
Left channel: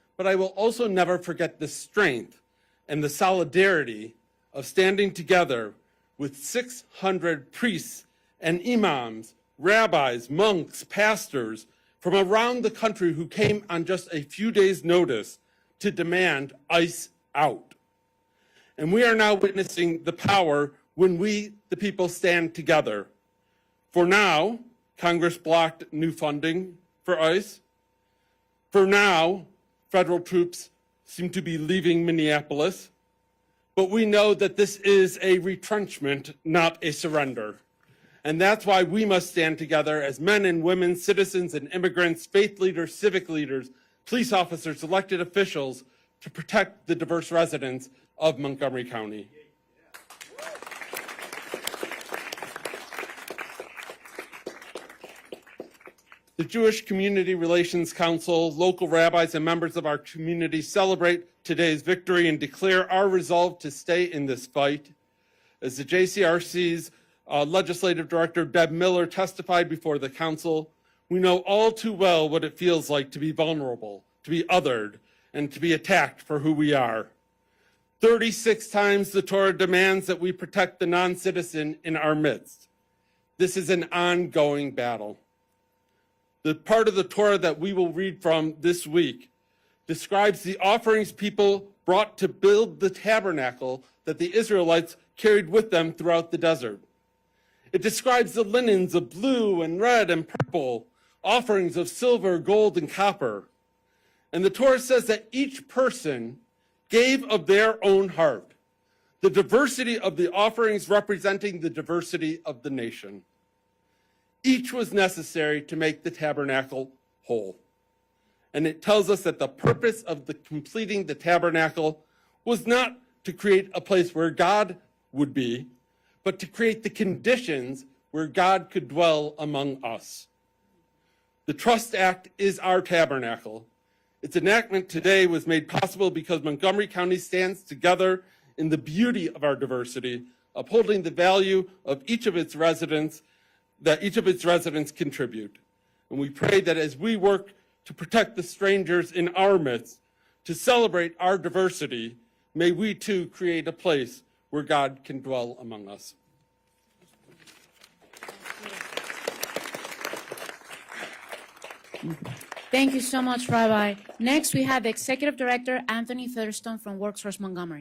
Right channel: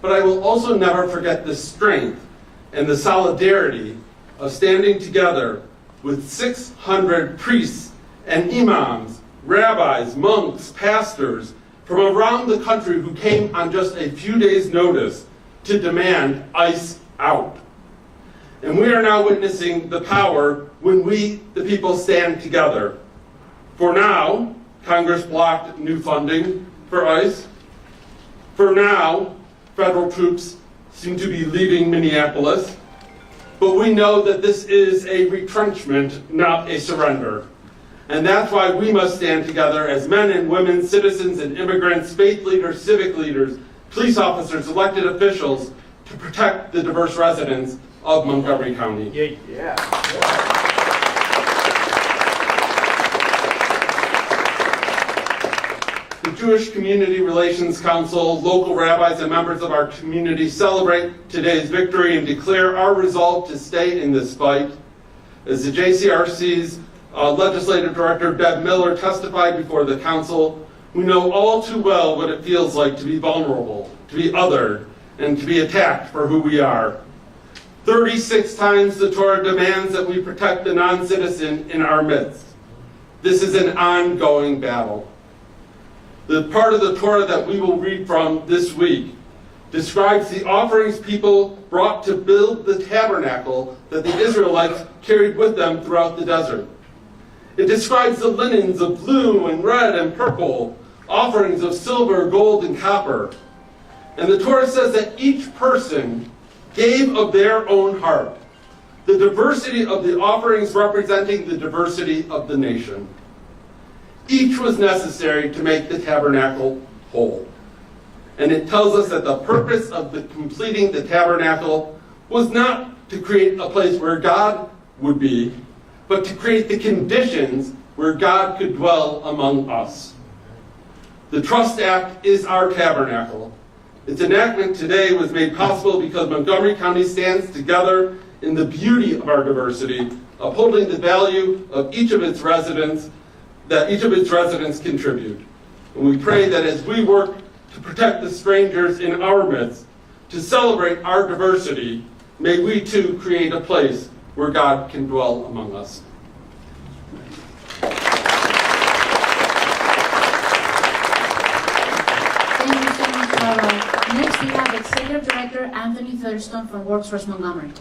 But I will also never forget the strength and the solidarity of standing together with 600 priests and imams, rabbis, monks, pastors from around the country who came on just a few days' notice to demand ICE out. And we are now witnessing the power when we, the people, stand together. For now, Congress blocked new funding for ICE. For now, federal troops seem to be leaving Minneapolis. But we know that this is a retrenchment, not a surrender. And that's why we must stand together as men and women, citizens and immigrants, faith leaders, civic leaders, police officers, elected officials, to protect the diverse residents of Montgomery County. The Jewish Community Relations Council, local rabbis, and members of our community celebrate today's victory and declare our resolve to stay in this fight. As the JCRC's Legislative Director Deb Miller testified before the council, we know all too well what it feels like to be vulnerable, to be othered, and to be attacked for who we are. 36 times the Torah demands that we protect the non-citizen in our midst. This is an ongoing battle. The part of the Torah that we will read from this week describes the offerings people brought to build the tabernacle that the Israelites carried with them throughout the desert. It describes the linens of blue and red and purple, offerings of silver, gold, and copper. And the Torah says that each person gave of their own heart, the diversity of the offerings representing the diversity of the nation. Each was necessary to make the tabernacle whole. And it tells us that the purpose of completing the tabernacle was not to create a place where God would be, but to create the conditions where God could dwell among us. The Trust Act is our tabernacle. Its enactment today was made possible because Montgomery County stands together in the beauty of our diversity, upholding the value of each of its residents, that each of its residents contribute. And we pray that as we work to protect the strangers in our midst, to celebrate our diversity, may we too create a place where God can dwell among us. Thank you so much, Rabbi. Next, we have the Executive Director, Anthony Featherstone, from Workforce Montgomery.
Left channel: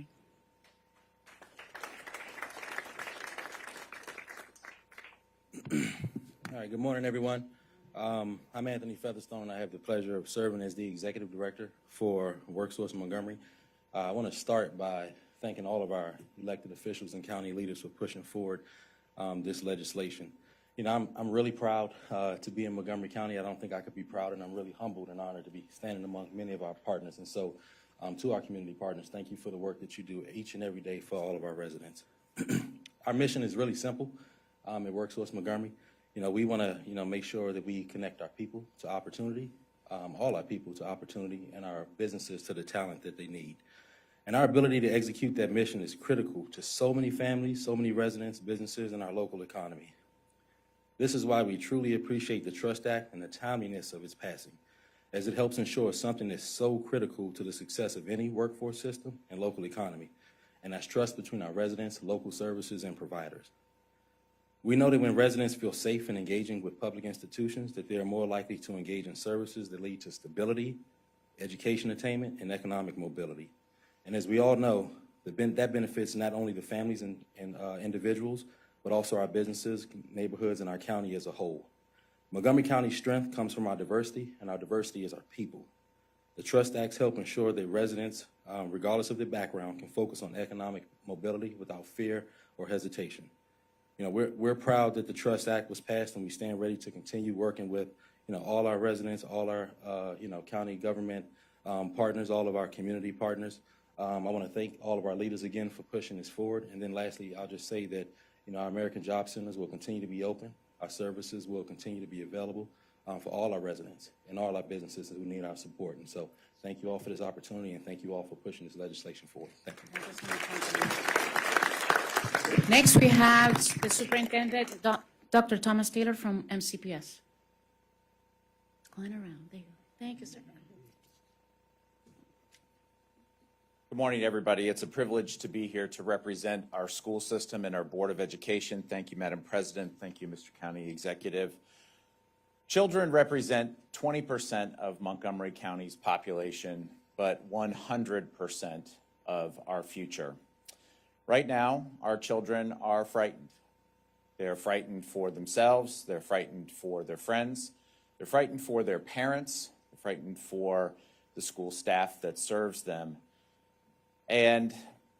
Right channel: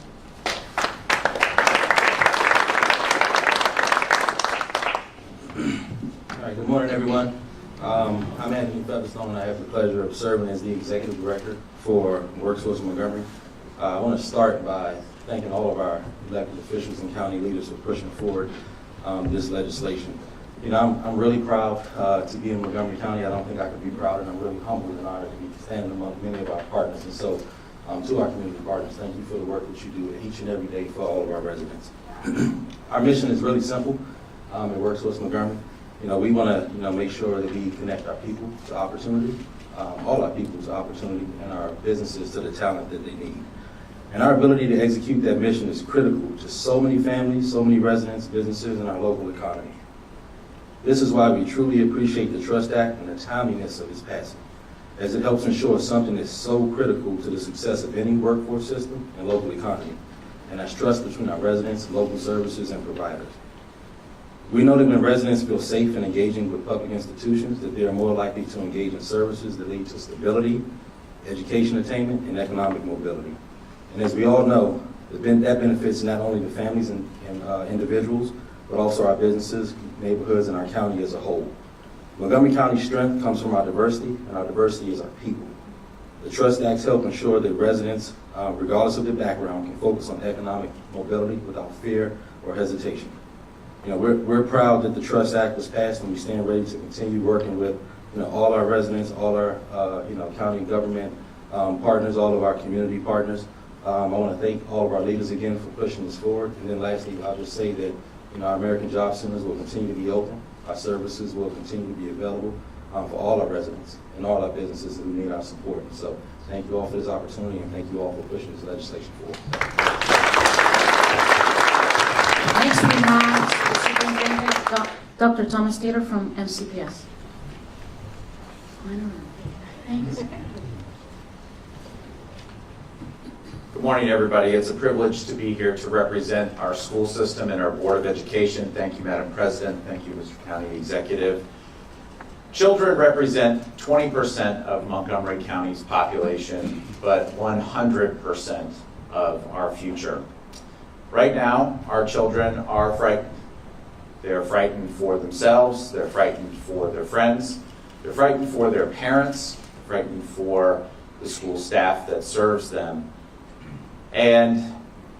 Good everyone. I'm Anthony Featherstone. I have the pleasure of serving as the Executive Director for Workforce in Montgomery. I want to start by thanking all of our elected officials and county leaders for pushing forward this legislation. You know, I'm really proud to be in Montgomery County. I don't think I could be prouder. I'm really humbled and honored to be standing among many of our partners. And so, to our community partners, thank you for the work that you do each and every day for all of our residents. Our mission is really simple. At Workforce Montgomery, you know, we want to make sure that we connect our people to opportunity, all our people to opportunity, and our businesses to the talent that they need. And our ability to execute that mission is critical to so many families, so many residents, businesses, and our local economy. This is why we truly appreciate the Trust Act and the timeliness of its passage, as it helps ensure something that's so critical to the success of any workforce system and local economy, and that's trust between our residents, local services, and providers. We know that when residents feel safe and engaging with public institutions, that they are more likely to engage in services that lead to stability, education attainment, and economic mobility. And as we all know, that benefits not only the families and individuals, but also our businesses, neighborhoods, and our county as a whole. Montgomery County's strength comes from our diversity, and our diversity is our people. The Trust Act helps ensure that residents, regardless of their background, can focus on economic mobility without fear or hesitation. You know, we're proud that the Trust Act is passed, and we stand ready to continue working with all our residents, all our county government partners, all of our community partners. I want to thank all of our leaders again for pushing this forward. And then lastly, I'll just say that our American Job Centers will continue to be open. Our services will continue to be available for all our residents and all our businesses who need our support. And so thank you all for this opportunity, and thank you all for pushing this legislation forward. Next we have Dr. Thomas Taylor from MCPS. Good morning, everybody. It's a privilege to be here to represent our school system and our Board of Education. Thank you, Madam President. Thank you, Mr. County Executive. Children represent 20% of Montgomery County's population, but 100% of our future. Right now, our children are frightened. They're frightened for themselves, they're frightened for their friends, they're frightened for their parents, frightened for the school staff that serves them. And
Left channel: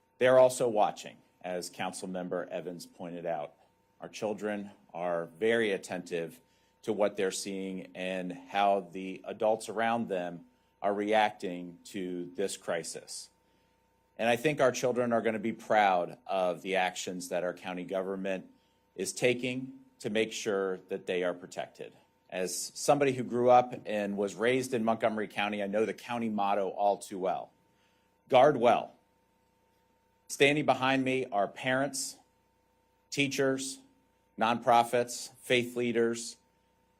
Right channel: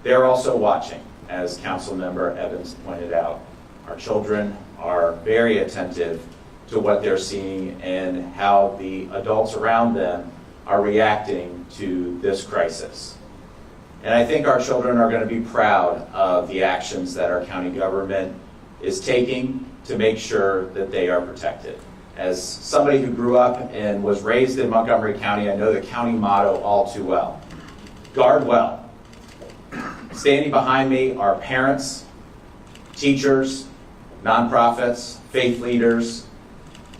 they're also watching, as Councilmember Evans pointed out. Our children are very attentive to what they're seeing and how the adults around them are reacting to this crisis. And I think our children are going to be proud of the actions that our county government is taking to make sure that they are protected. As somebody who grew up and was raised in Montgomery County, I know the county motto all too well. Guard well. Standing behind me are parents, teachers, nonprofits, faith leaders,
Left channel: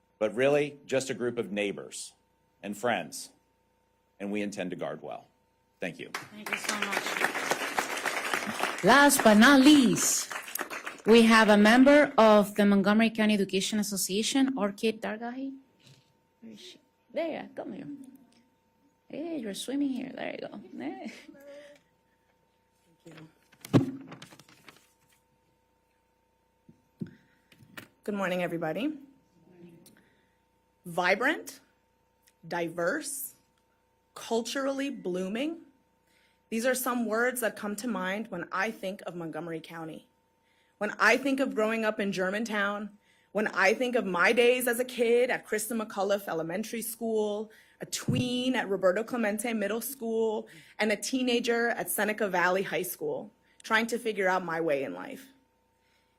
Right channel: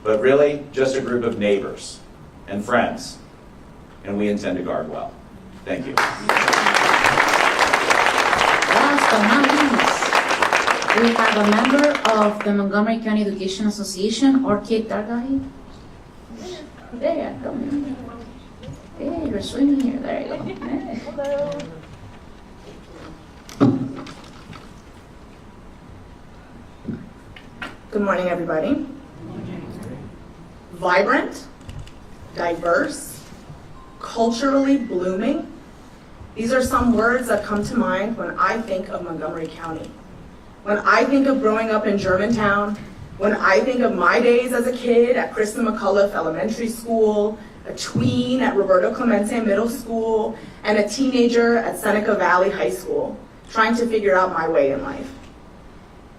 but really just a group of neighbors and friends, and we intend to guard well. Thank you. Last but not least, we have a member of the Montgomery County Education Association, Orchid Dargali. There you go. Hey, you're swimming here. There you go. Hello. Good morning, everybody. Vibrant, diverse, culturally blooming. These are some words that come to mind when I think of Montgomery County. When I think of growing up in Germantown, when I think of my days as a kid at Kristen McCullough Elementary School, a tween at Roberto Clemente Middle School, and a teenager at Seneca Valley High School, trying to figure out my way in life.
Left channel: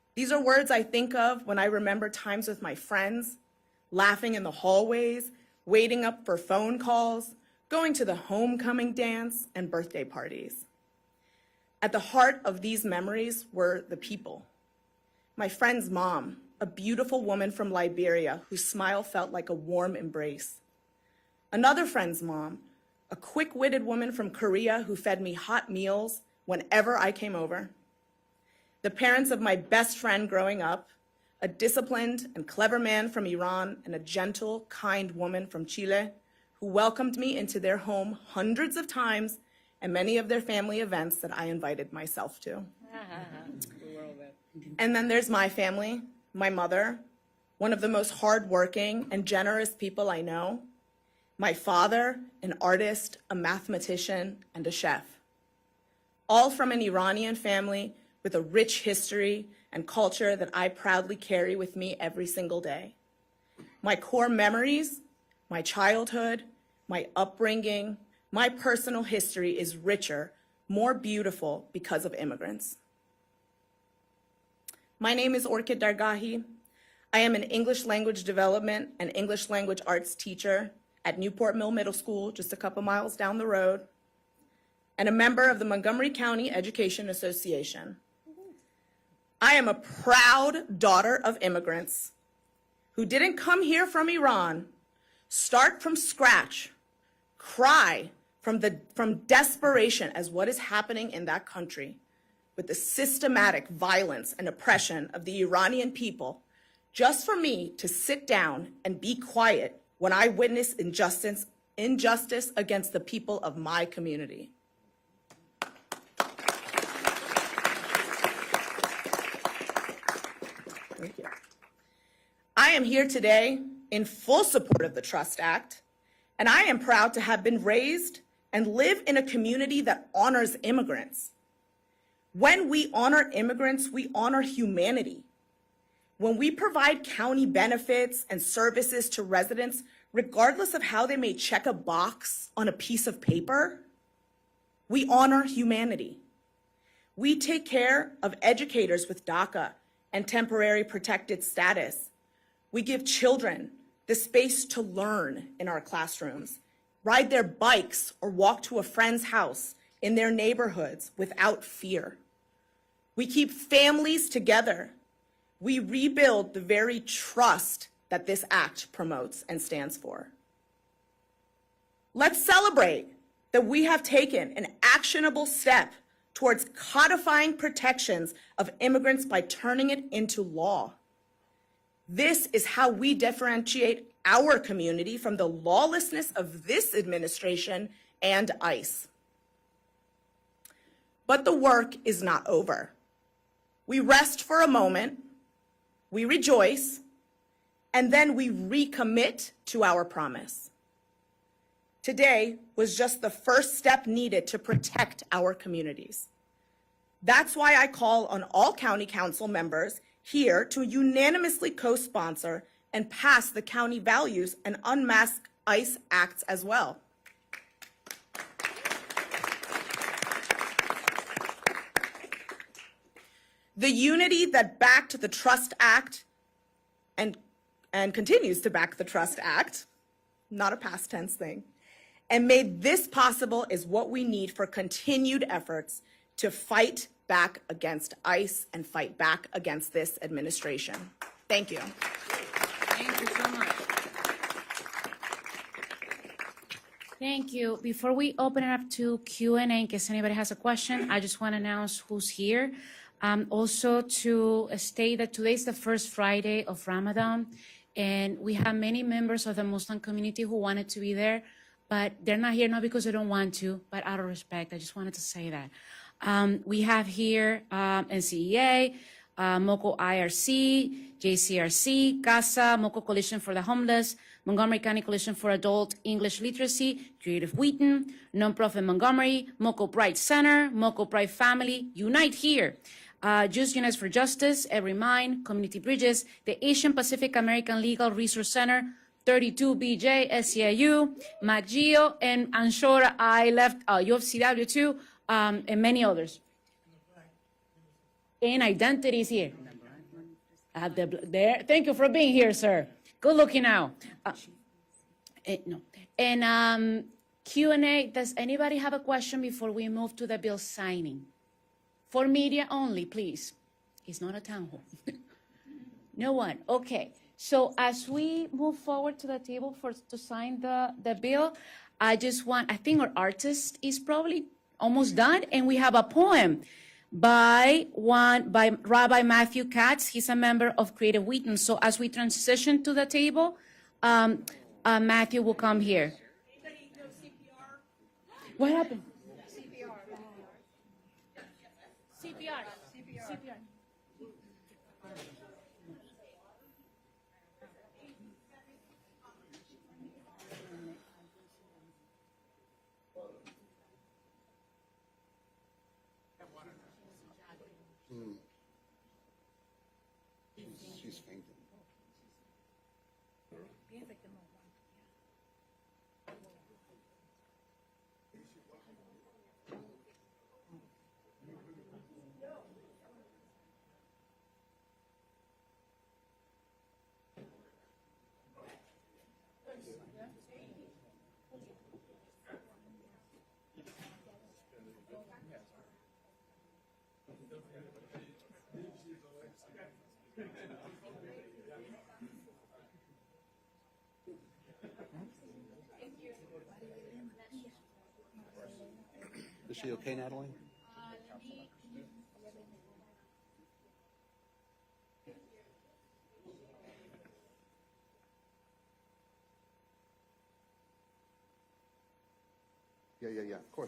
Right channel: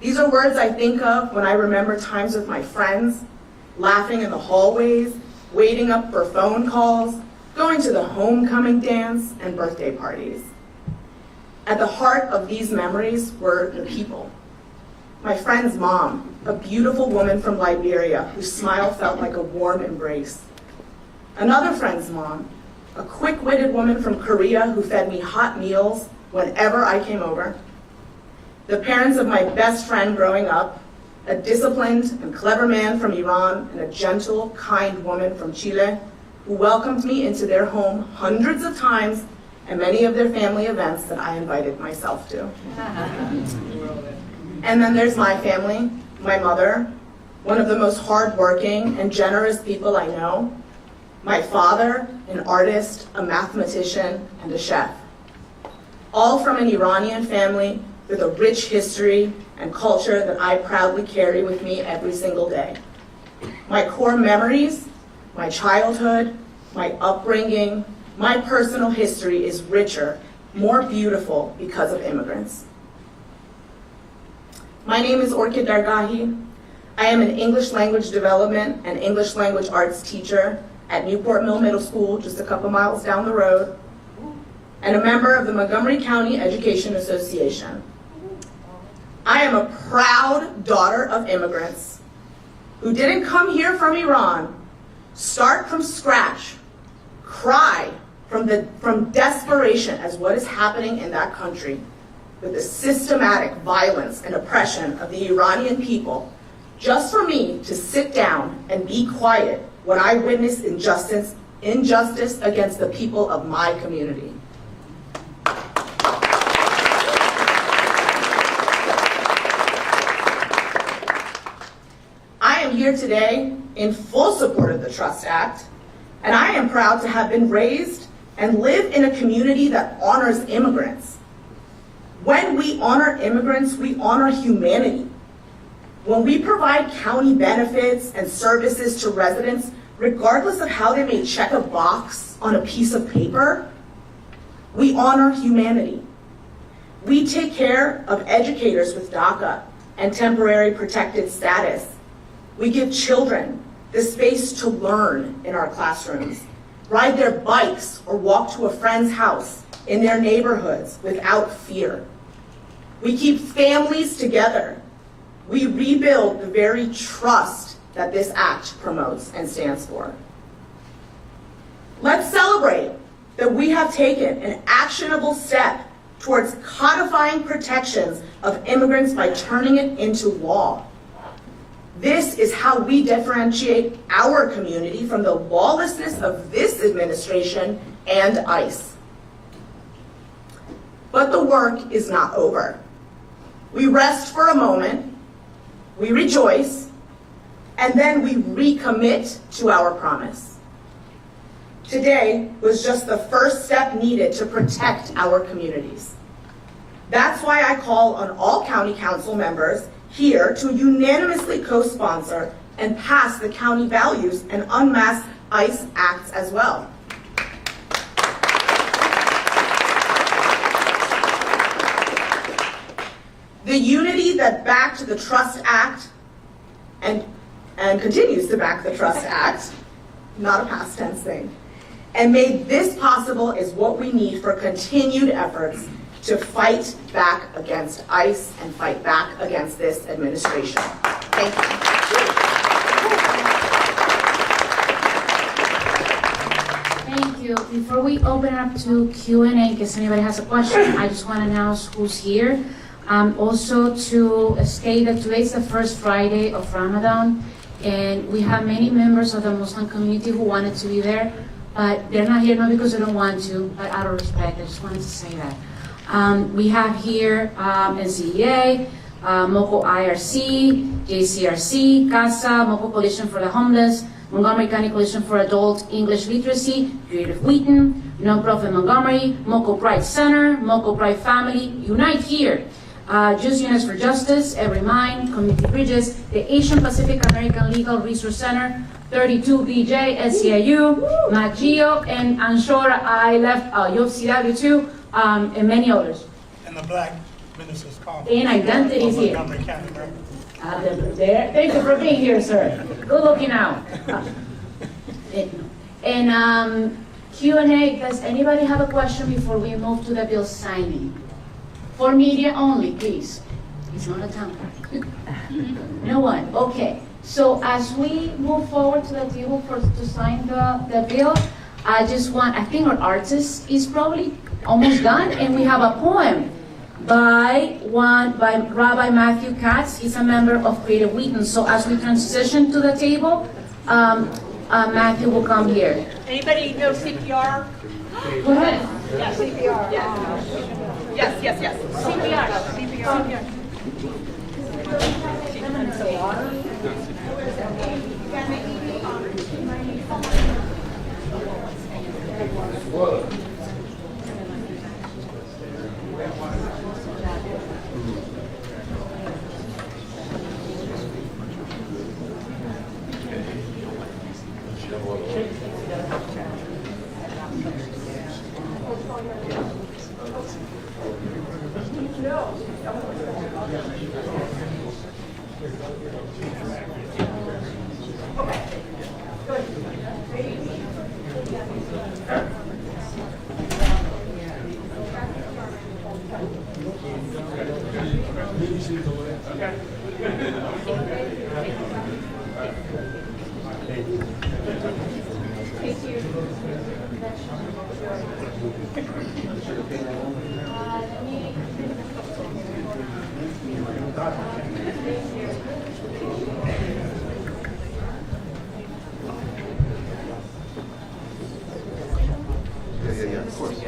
These are words I think of when I remember times with my friends, laughing in the hallways, waiting up for phone calls, going to the homecoming dance, and birthday parties. At the heart of these memories were the people. My friend's mom, a beautiful woman from Liberia whose smile felt like a warm embrace. Another friend's mom, a quick-witted woman from Korea who fed me hot meals whenever I came over. The parents of my best friend growing up, a disciplined and clever man from Iran and a gentle, kind woman from Chile who welcomed me into their home hundreds of times and many of their family events that I invited myself to. And then there's my family, my mother, one of the most hardworking and generous people I know, my father, an artist, a mathematician, and a chef. All from an Iranian family with a rich history and culture that I proudly carry with me every single day. My core memories, my childhood, my upbringing, my personal history is richer, more beautiful because of immigrants. My name is Orchid Dargahi. I am an English language development and English language arts teacher at Newport Mill Middle School, just a couple miles down the road, and a member of the Montgomery County Education Association. I am a proud daughter of immigrants who didn't come here from Iran, start from scratch, cry from desperation as what is happening in that country with the systematic violence and oppression of the Iranian people, just for me to sit down and be quiet when I witnessed injustice against the people of my community. I am here today in full support of the Trust Act, and I am proud to have been raised and live in a community that honors immigrants. When we honor immigrants, we honor humanity. When we provide county benefits and services to residents, regardless of how they may check a box on a piece of paper, we honor humanity. We take care of educators with DACA and temporary protected status. We give children the space to learn in our classrooms, ride their bikes or walk to a friend's house in their neighborhoods without fear. We keep families together. We rebuild the very trust that this act promotes and stands for. Let's celebrate that we have taken an actionable step towards codifying protections of immigrants by turning it into law. This is how we differentiate our community from the lawlessness of this administration and ICE. But the work is not over. We rest for a moment, we rejoice, and then we recommit to our promise. Today was just the first step needed to protect our communities. That's why I call on all county council members here to unanimously co-sponsor and pass the county values and unmask ICE acts as well. The unity that backed the Trust Act and continues to back the Trust Act, not a past tense thing, and made this possible is what we need for continued efforts to fight back against ICE and fight back against this administration. Thank you. Thank you. Before we open up to Q&A, in case anybody has a question, I just want to announce who's here. Also to state that today is the first Friday of Ramadan, and we have many members of the Muslim community who wanted to be there, but they're not here not because they don't want to, but out of respect. I just wanted to say that. We have here NCDA, MOCO IRC, JCRC, CASA, MOCO Coalition for the Homeless, Montgomery County Coalition for Adult English Literacy, Creative Wheaton, Nonprofit Montgomery, MOCO Pride Center, MOCO Pride Family, Unite Here, Just Unite for Justice, Every Mind, Community Bridges, the Asian Pacific American Legal Resource Center, 32BJ, SEIU, MAGIO, and I'm sure I left Yoxidado too, and many others. And the Black Ministers Conference. And identity is here. Thank you for being here, sir. Good looking out. And Q&A, does anybody have a question before we move to the bill signing? For media only, please. It's not a time. No one, okay. So as we move forward to the table to sign the bill, I think our artist is probably almost done, and we have a poem by Rabbi Matthew Katz. He's a member of Creative Wheaton. So as we transition to the table, Matthew will come here. Anybody know CPR? Go ahead. Yeah, CPR. Yes. CPR. Of course.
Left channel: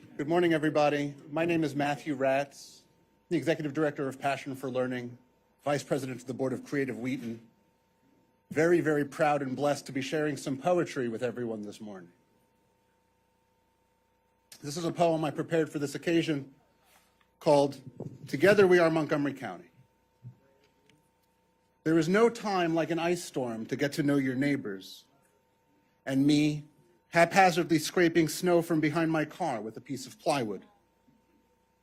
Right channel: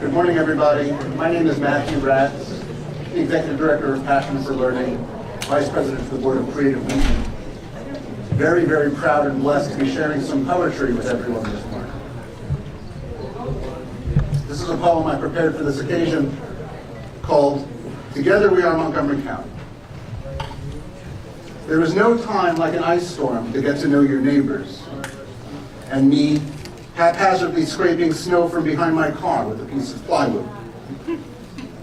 Good morning, everybody. My name is Matthew Ratz, the Executive Director of Passion for Learning, Vice President of the Board of Creative Reading. Very, very proud and blessed to be sharing some poetry with everyone this morning. This is a poem I prepared for this occasion called Together We Are Montgomery County. There is no time like an ice storm to get to know your neighbors, and me haphazardly scraping snow from behind my car with a piece of plywood.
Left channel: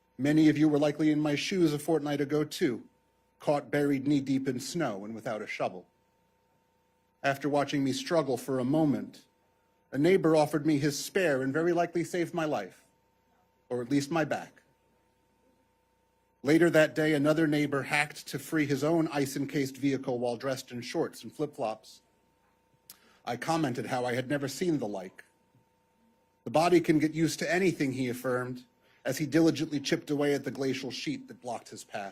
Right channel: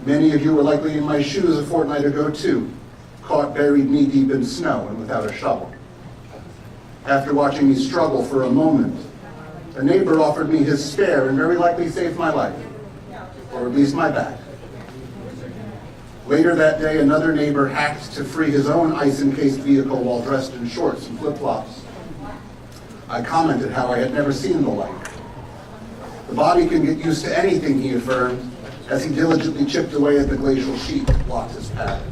Many of you were likely in my shoes a fortnight ago too, caught buried knee-deep in snow and without a shovel. After watching me struggle for a moment, a neighbor offered me his spare and very likely saved my life, or at least my back. Later that day, another neighbor hacked to free his own ice-encased vehicle while dressed in shorts and flip-flops. I commented how I had never seen the like. The body can get used to anything, he affirmed, as he diligently chipped away at the glacial sheet that blocks his path.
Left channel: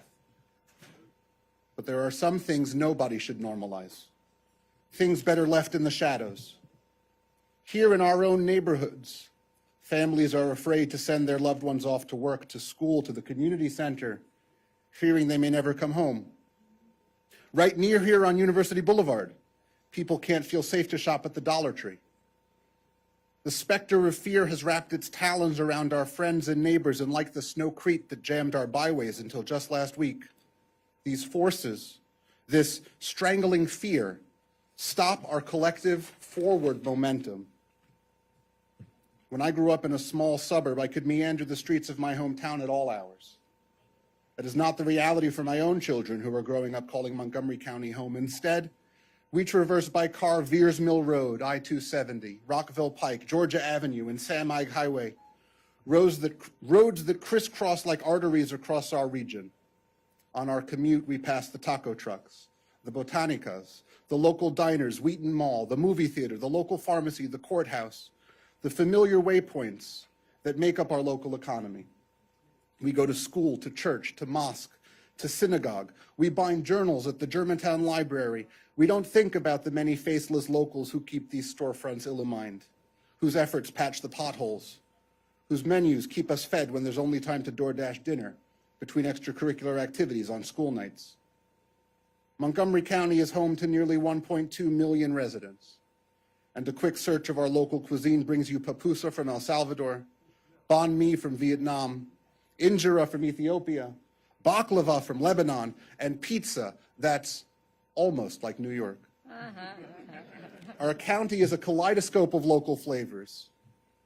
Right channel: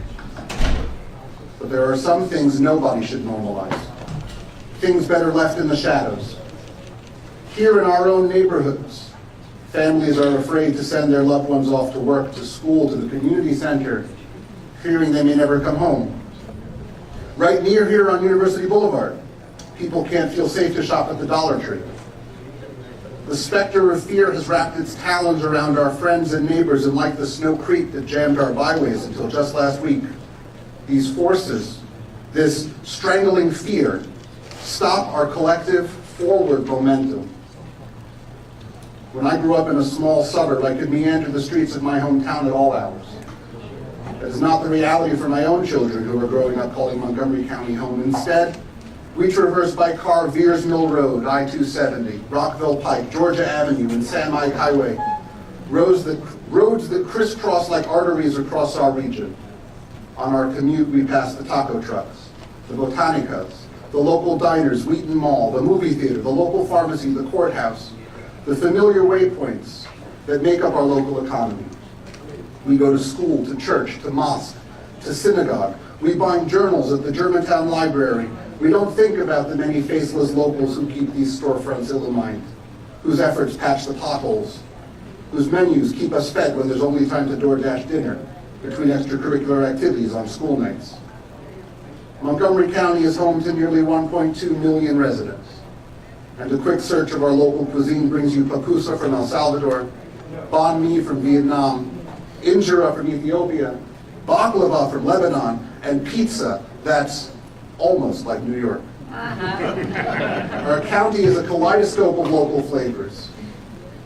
But there are some things nobody should normalize. Things better left in the shadows. Here in our own neighborhoods, families are afraid to send their loved ones off to work, to school, to the community center, fearing they may never come home. Right near here on University Boulevard, people can't feel safe to shop at the Dollar Tree. The specter of fear has wrapped its talons around our friends and neighbors, and like the Snow Creek that jammed our byways until just last week, these forces, this strangling fear, stop our collective forward momentum. When I grew up in a small suburb, I could meander the streets of my hometown at all hours. That is not the reality for my own children who are growing up calling Montgomery County home. Instead, we traverse by car Veers Mill Road, I-270, Rockville Pike, Georgia Avenue, and San Mike Highway, roads that crisscross like arteries across our region. On our commute, we pass the taco trucks, the botanicas, the local diners, Wheaton Mall, the movie theater, the local pharmacies, the courthouse, the familiar waypoints that make up our local economy. We go to school, to church, to mosques, to synagogue. We bind journals at the Germantown Library. We don't think about the many faceless locals who keep these storefronts illumined, whose efforts patch the potholes, whose menus keep us fed when there's only time to DoorDash dinner between extracurricular activities on school nights. Montgomery County is home to nearly 1.2 million residents, and a quick search of our local cuisine brings you pupusa from El Salvador, banh mi from Vietnam, injera from Ethiopia, baklava from Lebanon, and pizza that's almost like New York. Our county is a kaleidoscope of local flavors.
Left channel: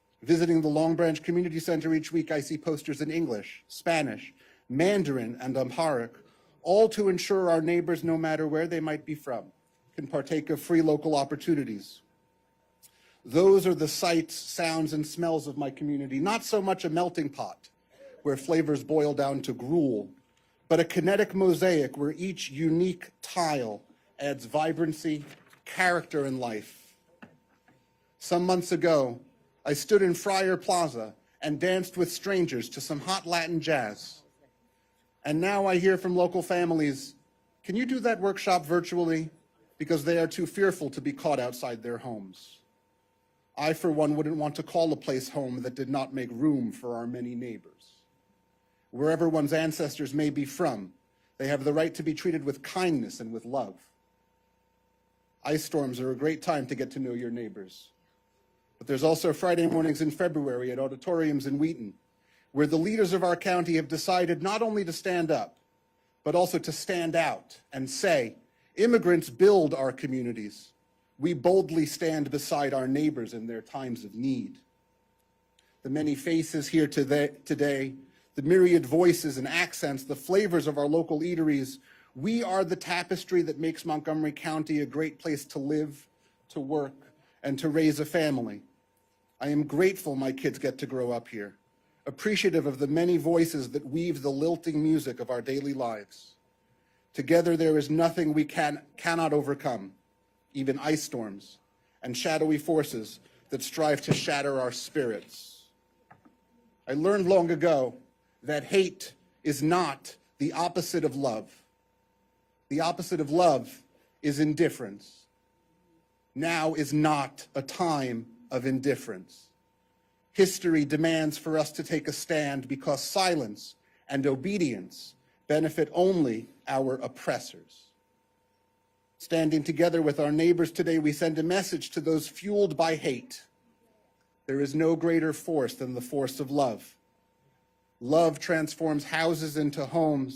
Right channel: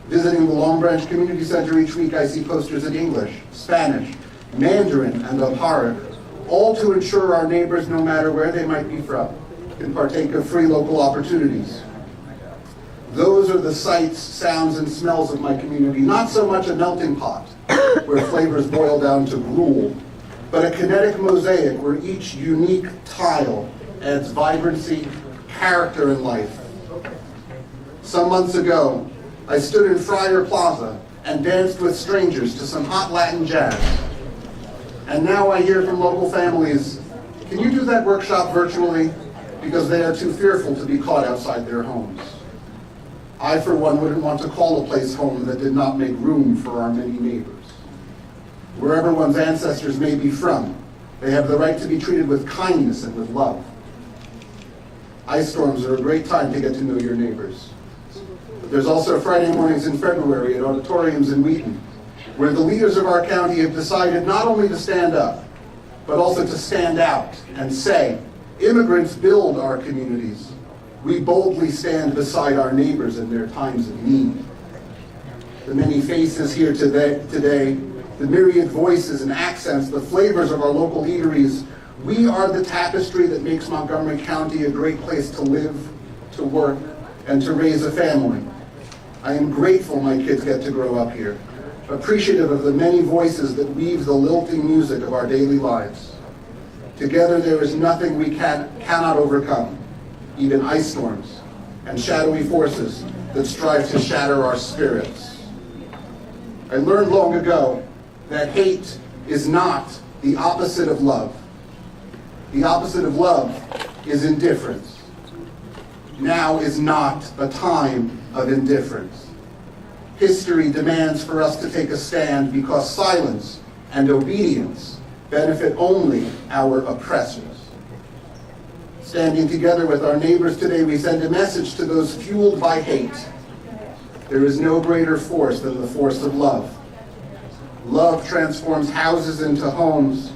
Visiting the Long Branch Community Center each week, I see posters in English, Spanish, Mandarin, and Amharic, all to ensure our neighbors, no matter where they might be from, can partake of free local opportunities. Those are the sights, sounds, and smells of my community, not so much a melting pot where flavors boil down to gruel, but a kinetic mosaic where each unique tile adds vibrancy, character, and life. Some months ago, I stood in Friar Plaza and danced with strangers to some hot Latin jazz. And now I hear from local families, can you do that workshop virtually? Because they are too fearful to be caught outside their homes. I, for one, wouldn't want to call a place home that did not make room for our many neighbors. Wherever one's ancestors may be from, they have the right to be treated with kindness and with love. Ice storms are a great time to get to know your neighbors. But there's also Friday mornings in February at auditoriums in Wheaton, where the leaders of our county have decided not only to stand up, but also to stand out and say, immigrants build our communities. We boldly stand beside our neighbors in their times of need. The many faces here today, the myriad voices and accents, the flavors of our local eateries, we are the tapestry that makes Montgomery County a great place to live, to work, and to raise a family. I am grateful my kids get to grow up here, appreciative of the many voices that weave the lilting music of our daily lives. Together there is nothing we cannot overcome, even ice storms and shadowy forces that strive to shatter our spirits. I learned long ago that hate is not the opposite of love. The opposite of love is indifference. Now is not a time of indifference. History demands for us to take a stand because silence and obedience benefit only our oppressors. Standing together with our neighbors today, we send a message to those fueled by hate. There is no greater force than the force of love. Love transforms houses into homes,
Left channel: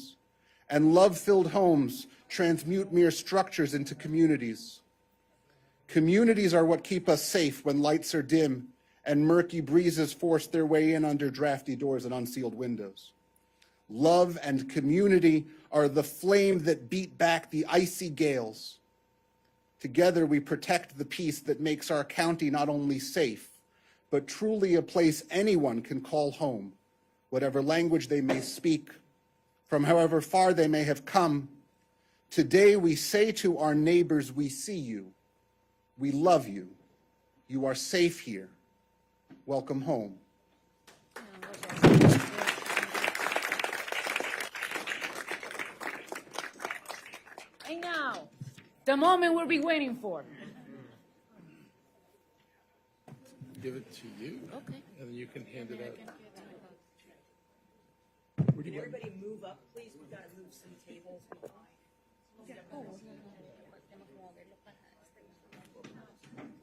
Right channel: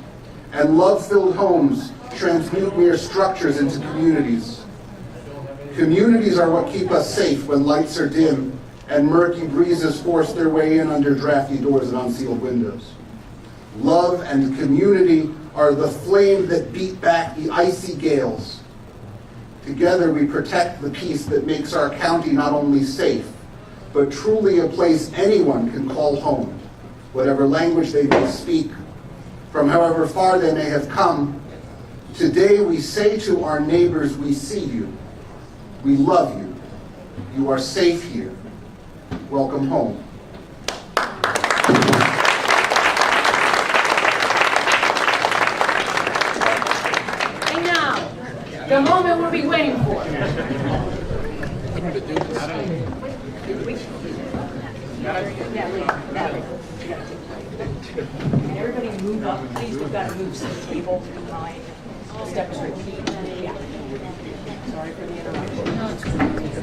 and love-filled homes transmute mere structures into communities. Communities are what keep us safe when lights are dim and murky breezes force their way in under drafty doors and unsealed windows. Love and community are the flame that beat back the icy gales. Together we protect the peace that makes our county not only safe, but truly a place anyone can call home, whatever language they may speak, from however far they may have come. Today we say to our neighbors, we see you, we love you, you are safe here, welcome home. And now, the moment we've been waiting for. Everybody move up, please, we've got to move some people behind. Step straight. Yeah. Sorry for the interruption.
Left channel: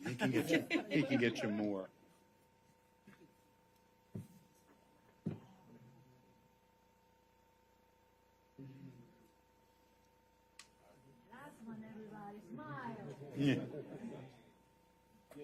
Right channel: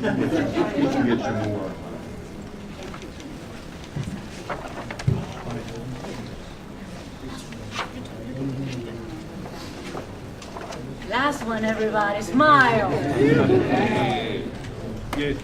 You can get your more. Last one, everybody, smile. Good.